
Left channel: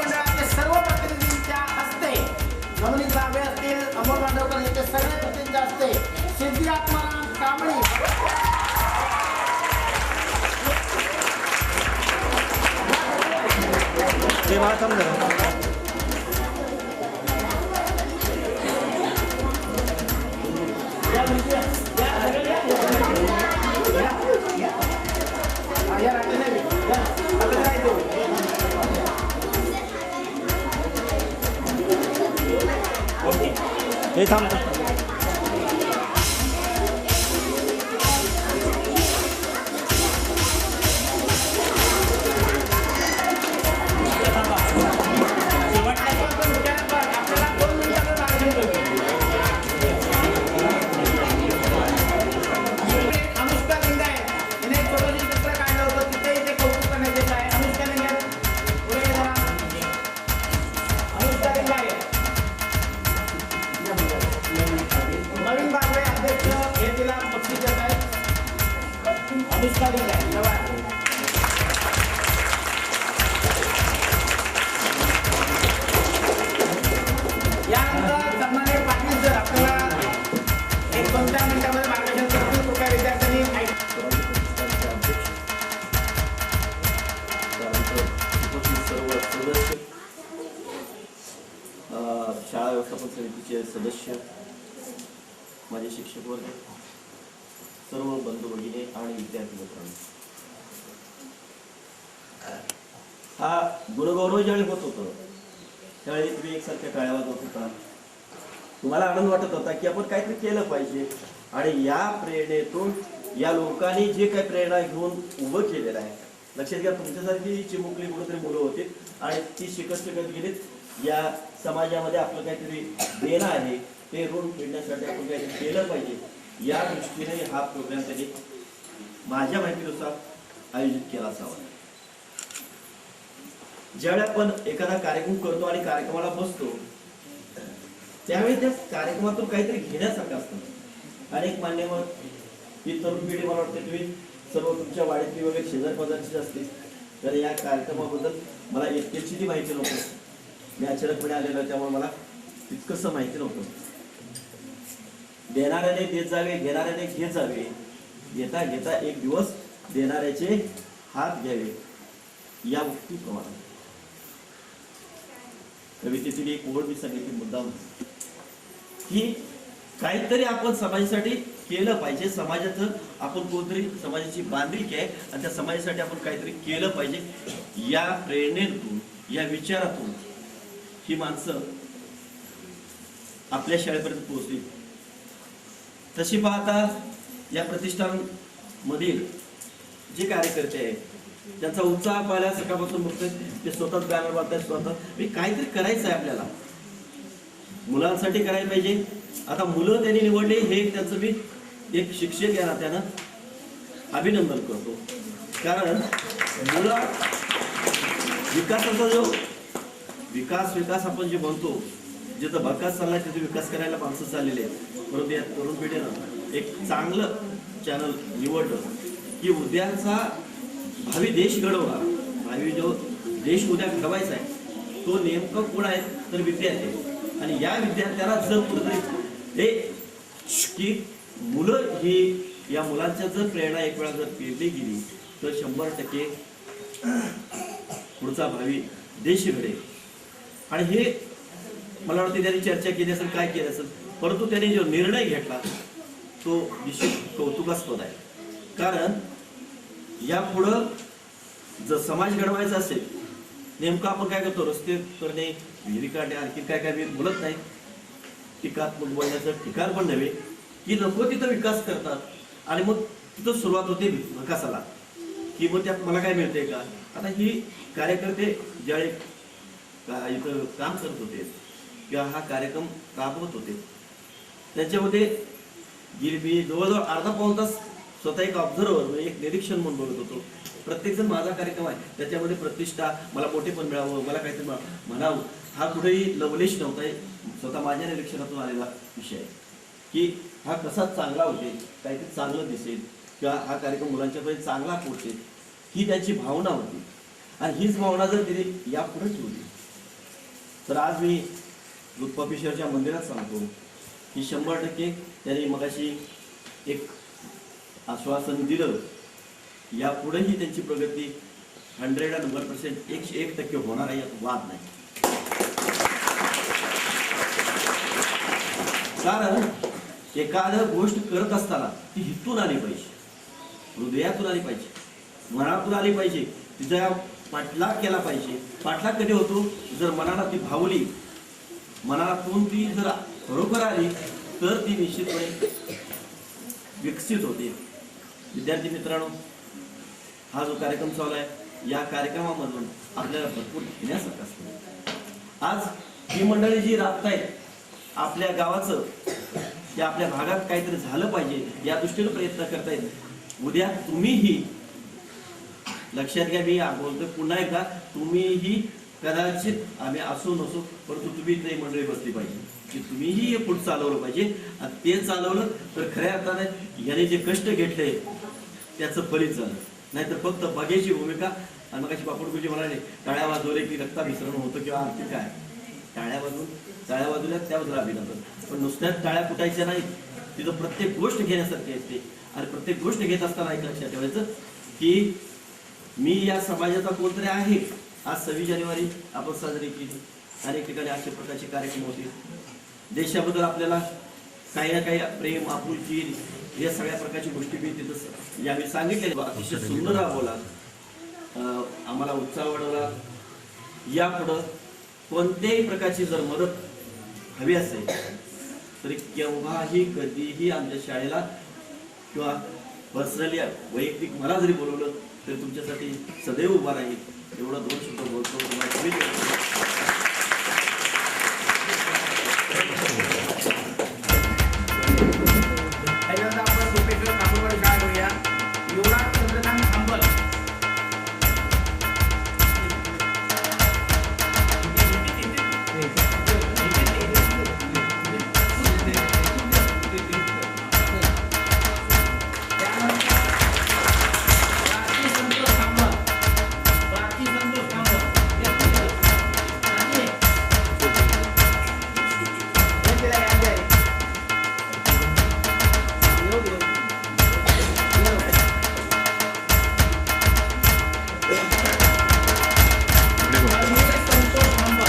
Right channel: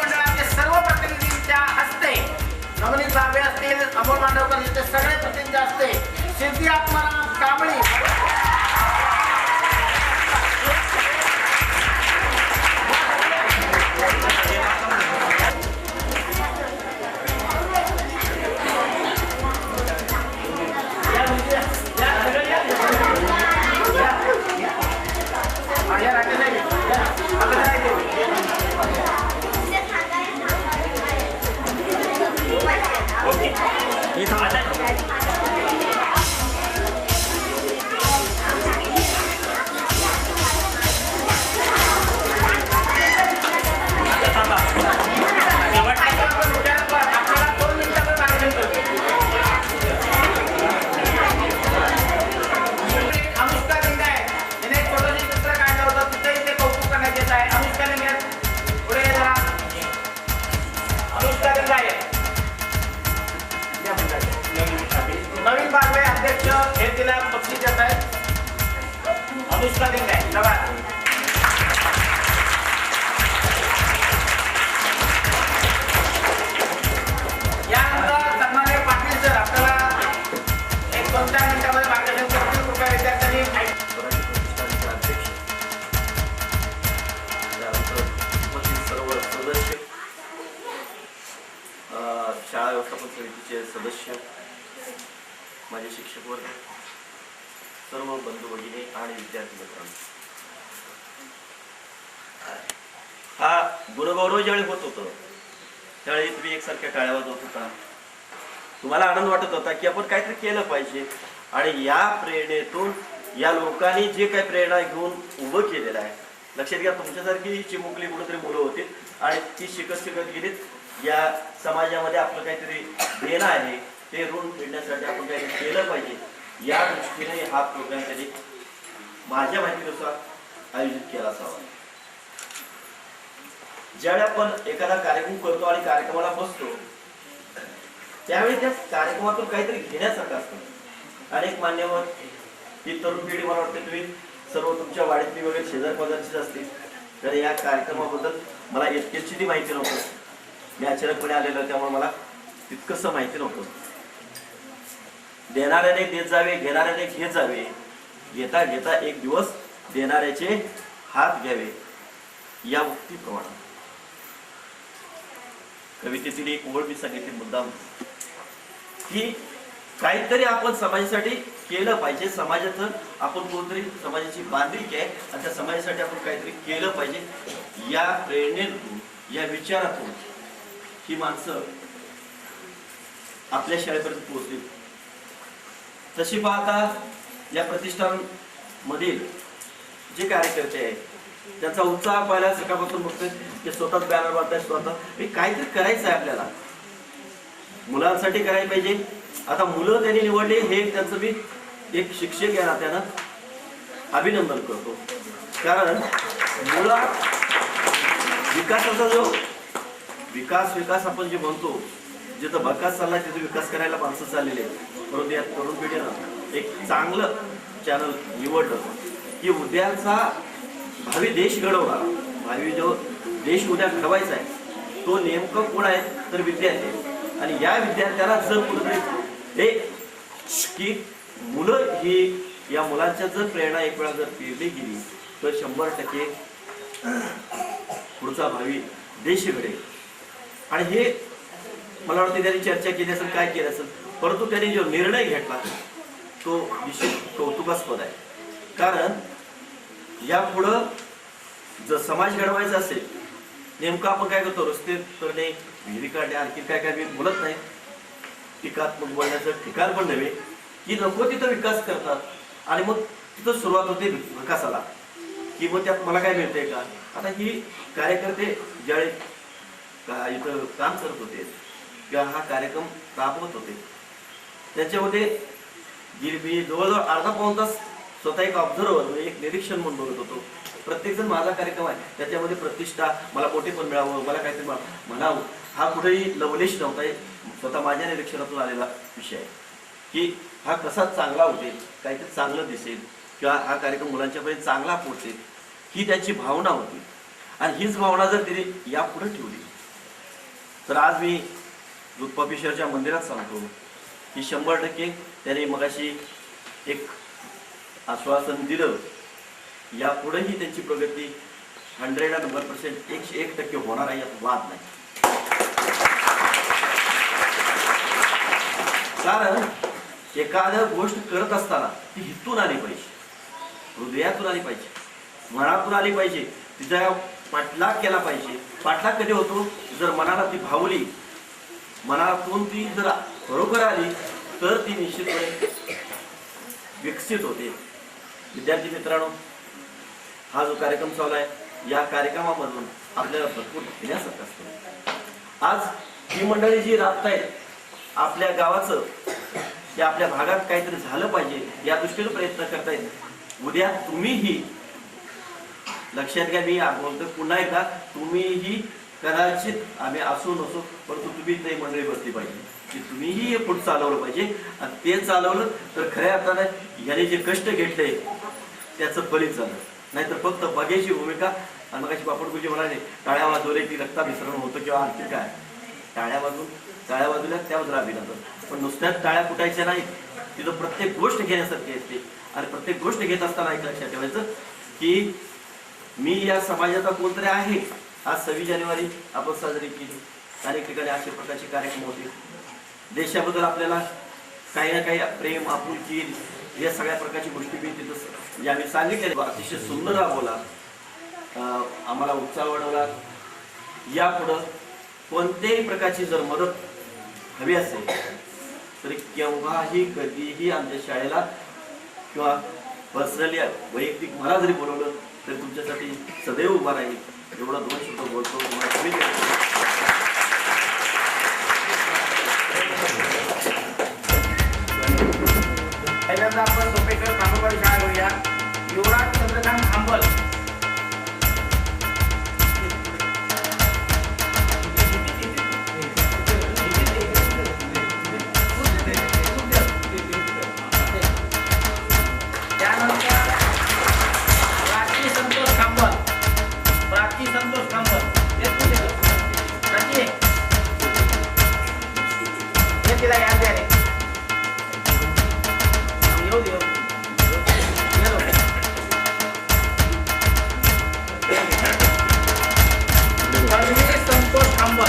मंडळाचे सर्व प्रतिनिधींच्या हस्ते नवनीत बाबे असतील अमोल मांडवकर यांचे सगळे प्रतिनिधींच्या हस्ते सिद्धी आत्माराम कांबळी या राकेश साहेब हे थांब अनुष्का लिंगायत हिने एक छोटंसं चित्र काढलं होतं. तिथे कौतुक करण्यात येत आहे. अनुष्का लिंगायत शाळा व्यवस्थापन समितीचे सदस्य, माझे शिक्षक वर्ग, सर्व बंधू भगिनी आणि विद्यार्थी मित्रांनो, हा गुणगौरव ज्यावेळी होत होतं त्यावेळी तुम्ही एकसारख्या टाळ्या वाजवत होता. तुम्हाला आनंद वाटत होता की आपण काहीतरी केलं पाहिजे. आणि या प्रेरणेतून या लोकांनी जे काही प्रेरणा घेऊन उभं केलेलं आहे, लक्षात घ्या, तुमच्यासारखी चिमुकली कुठेतरी मुलं होती आणि ती शिकत गेलीत. या समाजामध्ये आपलं काहीतरी देणं आहे, ते ऋण फेडण्यासाठी आपण काहीतरी केलं पाहिजे या दृष्टीने हा प्रोग्राम त्यांनी माझ्या माहितीनुसार आयोजित केला असावा. ज्यावेळी आपण एखादा कार्यक्रम करतो आणि कार्यक्रमाला बसतो त्यावेळी त्या कार्यक्रमातून काहीतरी घेण्यासारखं असतं. अनेक मान्यवर ही तरुण पिढी, मला वाटते तुम्ही सर्व तुमच्या वाडीतली वगैरे शेजार पदार्थीच असतील, तर या कार्यक्रमाबद्दल मला इतकीची माहिती नव्हती. मी अचानकपणे आलेलो त्यामुळे मला तितकंसं माहिती नव्हतं. देणाऱ्याने देत जावे, घेणाऱ्याने घेत जावे, घेता घेता एक दिवस देणाऱ्याचे हात घ्यावे या उक्तीप्रमाणे कवितेतील एक ओळ मी सांगितली मुद्दाम की काहीतरी आपण समाजासाठी केलं पाहिजे. समाजाचं आपण कोणतरी समाजाची बांधिलकी आहे आणि त्या समाजासाठी आपण काहीतरी केलं पाहिजे. या प्रेरणेतून, या विचारातून ही माणसं आपल्या शाळेपर्यंत पोहोचली. तशी पाहता या प्रतिष्ठानमधील जे कार्यकर्ते आहेत त्यांचा उत्साह पाहिला सकाळपासून बघतोय ते स्वतःच बॅनर बांधताय, स्वतः काहीतरी करायचं आहे आपल्याला, मुलांसाठी करायला पाहिजे. आता मुलं त्यांनी निवडले हे त्यांचं मी एक शिक्षक या नात्यानं अभिनंदन करतो. कारण मुलं विकासाचा जो विकास आपण जे म्हणतो, जिथं भकास चालला तिथं विकास करायला माणसं चाललेले आहेत. परंतु या तरुण पिढीनं एक चांगलं चॅनल निवडलं की उद्याचा भावी देश घडवणार, भावी जो देश उद्या घडवायचा आहे तो नेमकं कोण आहे तर विद्यार्थी आहे. आणि या विद्यार्थ्याला जर कुठेतरी की मुलं ही या मुलांच्या जर प्रेरणा एक वेळा जर पेरली गेली तर 100% पुढचा भावी देश घडेल. आणि हे मला वाटतं त्यांनी चर्चा केली असेल, काय केलं असेल, परंतु त्यांनी जो निर्णय घेतला तो निश्चित कौतुकास्पद आहे. कारण यापुढं जर समाज घडवायचा असेल, नेमकं आपण काय करतो, रस्ते करणे, विहिरी काढणे, आणखी काय काय मी बोलत नाही, टीकात्मक बोलण्याचं ठिकाण पण नव्हे की नको तिथं विकास करतात आणि मग तिथं सुरुवात होते विकासाला की मग त्यात मला काय मिळतंय का. आता ही कार्यकर्ते ज्यावेळी इथं काम करत होते किंवा हा कार्यक्रम राबवत होते त्याच्यामध्ये मी जवळजवळ अर्धा पाऊण तास स्वतः एक ऑब्झर्वर म्हणजे एक निरीक्षण म्हणून बघत होतो. प्रत्येकजण माझा कार्यक्रम आहे त्याच्यामध्ये प्रतिष्ठा, मला मोठेपण मिळावं, मला काहीतरी म्हणावं, हा कुठेही लवलेश नव्हता. स्वतः माझ्या निरीक्षणातून आलेला विषय आहे की हा कसा चांगला होते, काहीतरी चांगलं दिसेल किंवा हा कार्यक्रम मुलांच्यापर्यंत चांगला पोहोचेल ही त्यांची भावना होती. आणि हीच भावना जर तिने यापुढे ठेवली तर आज मी दूध पॉपिशरच्या मंदिरात सांगतो की 100% त्याने मगाशी एक आश्वासन दिलं, यापुढेही त्यांची प्रगती 100% 101% होणार आहे, यात वाद नाही. कारण एखाद्या गोष्ट करत असताना ती हितून आली पाहिजे, हृदयातून आली पाहिजे, मनातून आली पाहिजे, तिचा पाठलाग केला पाहिजे. पाठलाग कधी होतो जर मनाला ती भावली, मनातून ती जर बरोबर आली तर ती निश्चितपणे विकसित होते. विद्यार्थी मित्रांनो, हा जो कार्यक्रम चालू आहे या कार्यक्रमामधून आपल्याला भरपूर घेण्यासारखं असतं. आज ही मंडळी जी राबतायत आपल्या गावाचं की आपल्या भागात काहीतरी झालं पाहिजे या दृष्टीने प्रयत्न करतायत. उद्या तुम्हीही लक्षात घ्या, मी बोलतोय पुन्हा एकदा, तुम्हीही कदाचित आम्ही असो नसो परंतु तुम्ही ते मंडळी बसली पाहिजे की तुम्हीही हे पुढे चालवलं पाहिजे. आणि ते चालवलं तर खऱ्या अर्थाने याने जे कष्ट घेतले त्याचं फलित झालं. नाहीतर फक्त बघायची भूमिका. आणि मग बापडगुजी म्हणाले टाळ्या वाजवले की रक्ताभिसरण होतं किंवा आणखी काय, टाळ्या वाजवल्या त्यावर अभिनंदन, पण नुसत्याच टाळ्या फुटायच्या नाहीत, तिथं प्रत्येक गोष्ट घेण्यासारखी असते. आणि प्रत्येक गोष्ट घेत असताना एक लक्षात ठेवायचं की मी या समाजाचा कोणतरी आहे. आज 26 जानेवारी आपण साजरी केली, अनेक ठिकाणी अशा प्रकारचे कार्यक्रम होते. देशाबद्दल आपल्याला काही ना काही प्रेम आपुलकी या सगळ्या प्रकारची गोष्टी मी तिथं यावेळी सांगितल्या. अतिशय सुंदर राबवला, आम्हाला उत्साह वाढवला. यापुढं कोणत्याही प्रकारची जर मदत हवी असेल तर केव्हाही कधीही आमच्या शाळेला किंवा पर्सनली वैयक्तिक मला जरी बोलवलं तर तुमच्यासाठी सदैव उभा राहील. एवढा 2 शब्द बोलतो. तुम्हाला पहिल्यांदा आपण झोपेश्वर खांबलवाडी शाळा घेऊया. युवराज चंद्रकांत खांबल. त्यानंतर प्राची संतोष खांबल. प्राची संतोष खांबल. प्राची. हे तिला याद आहे. येऊ दे. परमेश संतोष खांबल.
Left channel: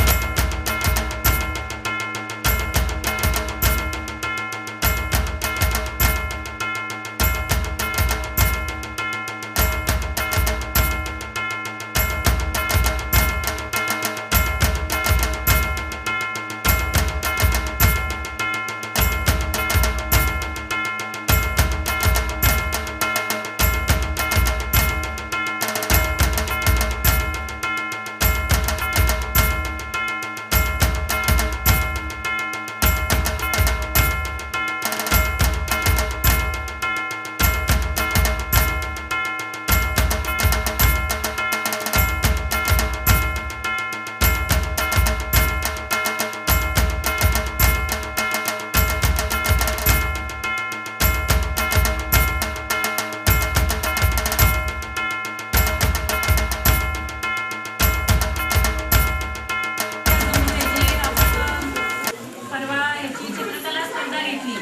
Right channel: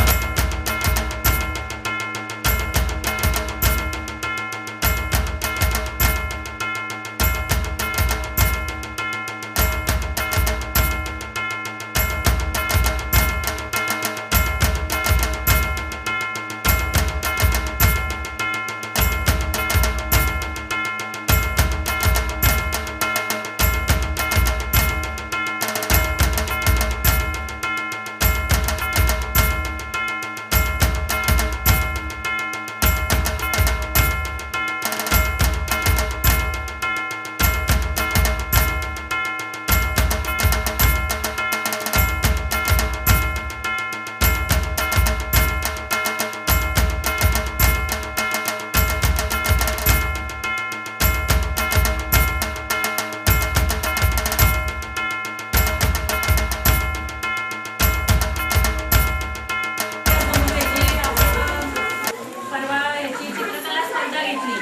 परवा याची चित्रकला स्पर्धा घेतली.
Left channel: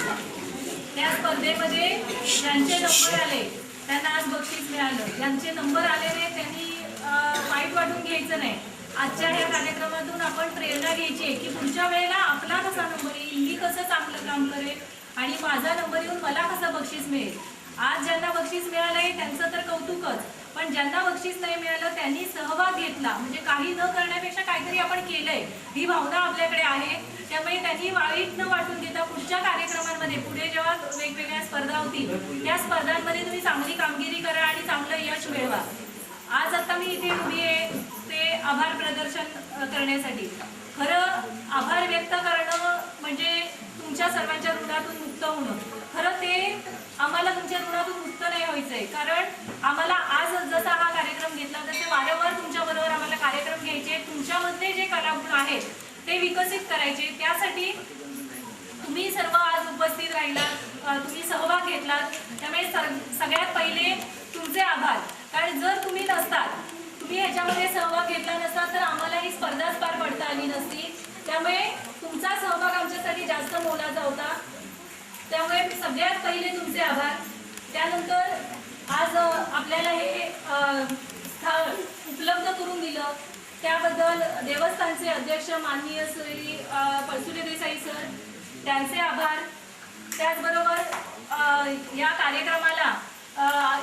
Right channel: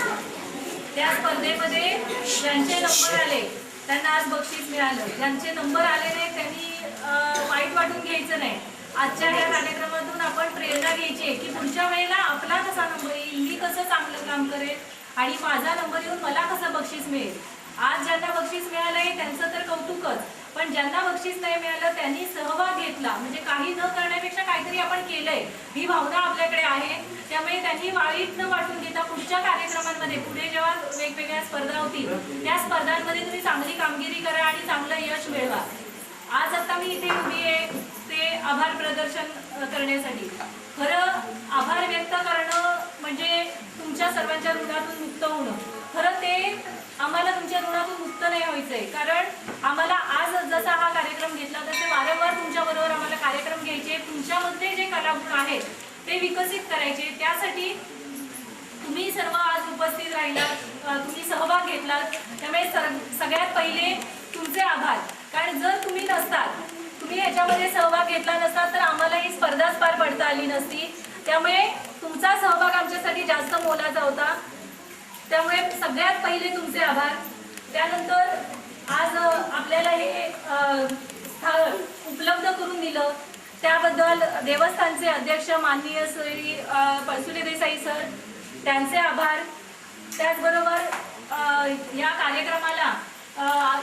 त्या स्पर्धेमध्ये ज्यांचे नंबर आले त्यांना आज बक्षीस मिळालं. ज्यांचे नंबर आले नाही त्यांनी वाईट वाटून घ्यायचं नाही. आजच्या या कार्यक्रमातून आपण प्रेरणा घ्यायची आहे की पुढच्या वेळेला आपला कसा नंबर येईल, मी कसं चांगलं काम करेल आणि माझा नंबर येऊन मला कसं बक्षीस मिळेल. आज ज्यांना बक्षीस मिळालंय त्यांचं तर कौतुकच, पण ज्यांना बक्षीस नाही मिळालं त्यांनी सहभाग घेतला म्हणजे काही न करण्यापेक्षा काहीतरी आपण केलंय ही भावना आपल्याकडे आहे. त्यामुळे त्यांनी वाईट न वाटून घेता पुढच्या कार्यक्रमांमध्ये पुढे जेव्हा वेगवेगळ्या स्पर्धा होतील त्या स्पर्धांमध्ये तुम्ही चांगली कामगिरी करा आणि चांगलं यश मिळवा. आज आता मी इथे उभी आहे ते आभार प्रदर्शन करण्यासाठी. खरं आभार व्यक्त करणं म्हणजे तुमच्या सर्वांच्या ऋणातून मुक्त होणं. खरं ते आम्हाला तुमच्या ऋणातून मुक्त नाही व्हायचंय, कारण आम्हाला आज जसा हा कार्यक्रम घेतला तसे वारंवार तुमच्याबरोबर आम्हाला कार्यक्रम घ्यायचे. तुमच्यामध्ये जे कलागुण आहेत ते विकसित करायचे. त्यासाठी तुम्ही सर्व आज उपस्थित राहिलात, तुम्ही सहभाग घेतलात. त्यामुळे सगळ्यात पहिले तुमचे आभार, कारण जर तुम्ही नसतात, तुम्ही ह्याच्यामध्ये सहभाग घेतला नसतात तर आम्हाला ही स्पर्धाच पार पडता आली नसती. त्यामुळे तुमचा सहभाग आमच्यासाठी जास्त मोलाचा होता. त्यामुळे सगळ्यात पहिले तुमचे आभार. त्यानंतर आज आपल्याला हे स्थळ उपलब्ध करून दिलं त्याबद्दल देवस्थानचे अध्यक्ष माननीय श्री पळसुले देसाई सर त्यांचे आभार. त्याचबरोबर या कार्यक्रमाला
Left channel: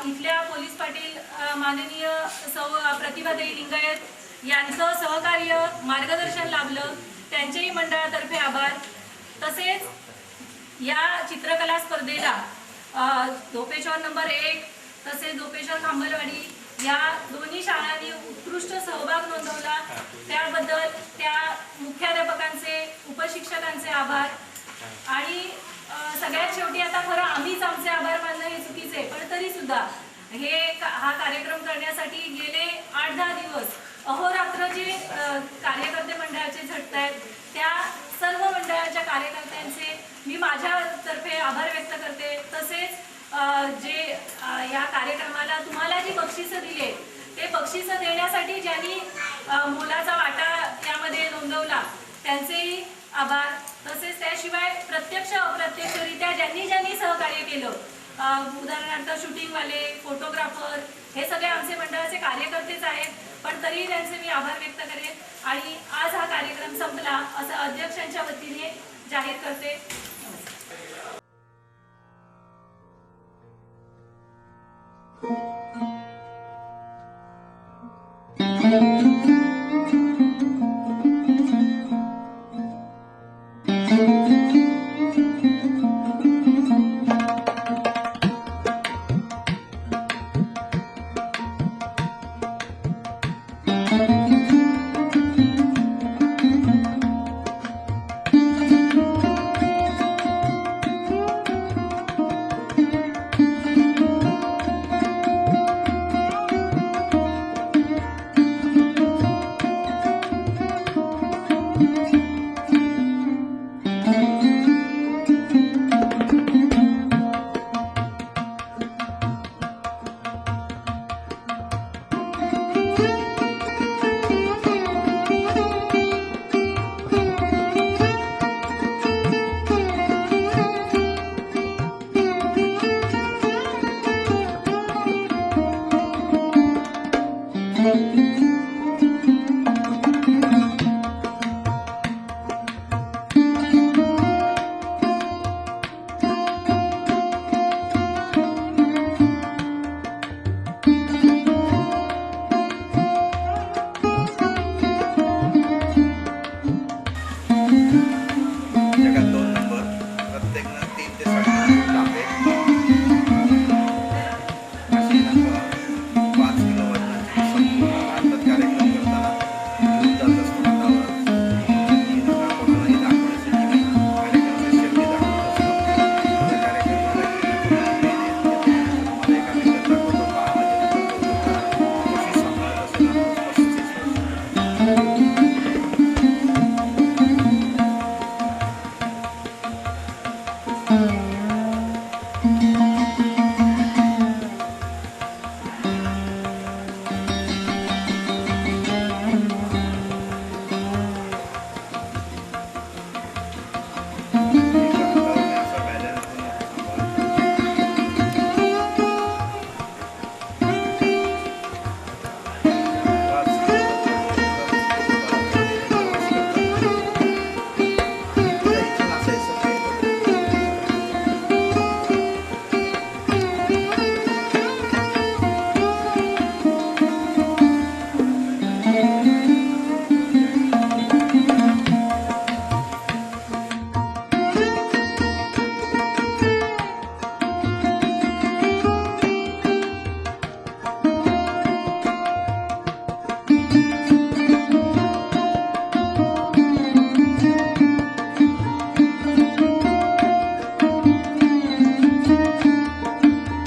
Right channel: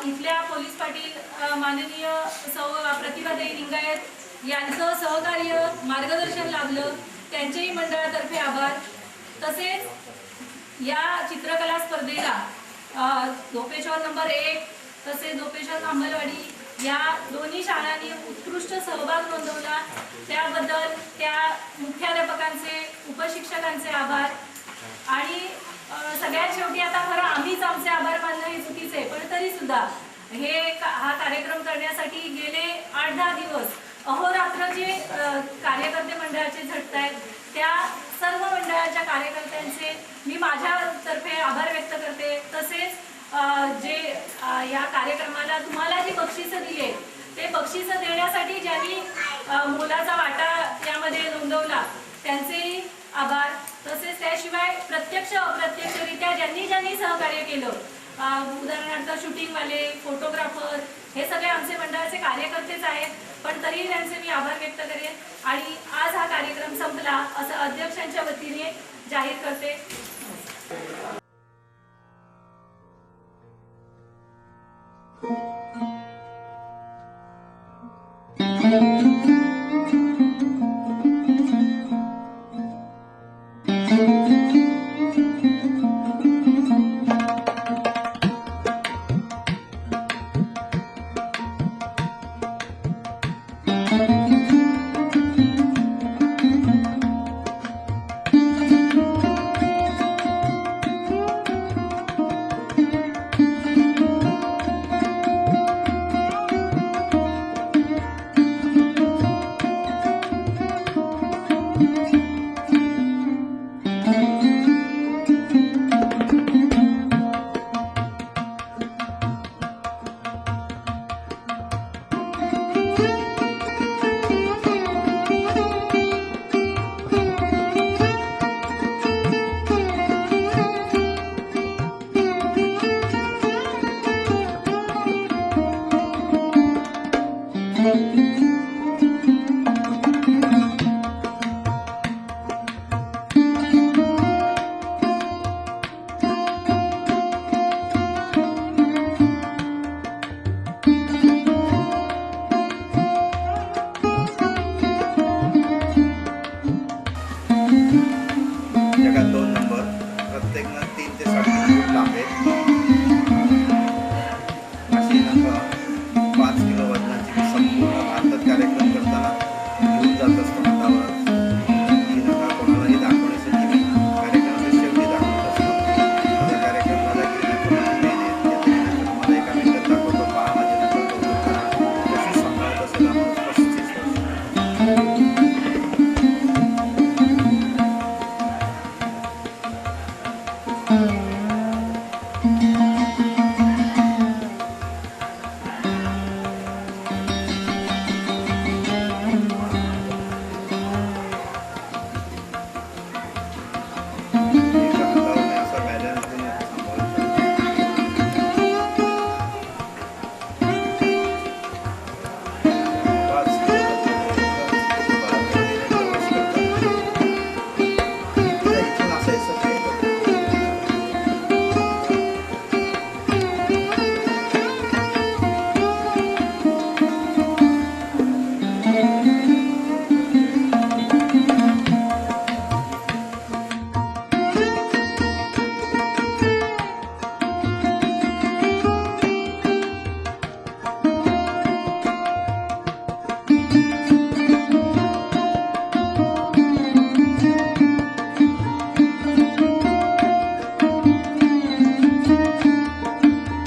इथल्या पोलीस पाटील माननीय सौ प्रतिभाताई लिंगायत यांचं सहकार्य मार्गदर्शन लाभलं, त्यांचेही मंडळातर्फे आभार. तसेच या चित्रकला स्पर्धेला धोपेश्वर नंबर 1 तसेच धोपेश्वर खांबलवाडी या दोन्ही शाळांनी उत्कृष्ट सहभाग नोंदवला. त्याबद्दल त्या मुख्याध्यापकांचे उपशिक्षकांचे आभार. आणि सगळ्यात शेवटी आता खरं आम्हीच आमचे आभार मानणं हे चुकीचे आहे, पण तरी सुद्धा हा कार्यक्रम करण्यासाठी गेले 8-10 दिवस अहोरात्र जे कार्यकर्ते मंडळाचे झटतायत त्या सर्व मंडळाच्या कार्यकर्त्यांचे मी माझ्यातर्फे आभार व्यक्त करते. तसेच जे या कार्यक्रमाला तुम्हाला जी बक्षिसं दिली ते बक्षिसं देण्यासाठी ज्यांनी मोलाचा वाटा यामध्ये नोंदवला त्यांचेही आभार. तसेच त्याशिवाय प्रत्यक्ष अप्रत्यक्षरित्या ज्यांनी सहकार्य केलं, उदाहरणार्थ शूटिंगवाले, फोटोग्राफर हे सगळे आमचे मंडळाचे कार्यकर्तेच आहेत, पण तरीही त्यांचे मी आभार व्यक्त करेन. आणि आज हा कार्यक्रम संपला असं अध्यक्षांच्या वतीने जाहीर करते. Thank you.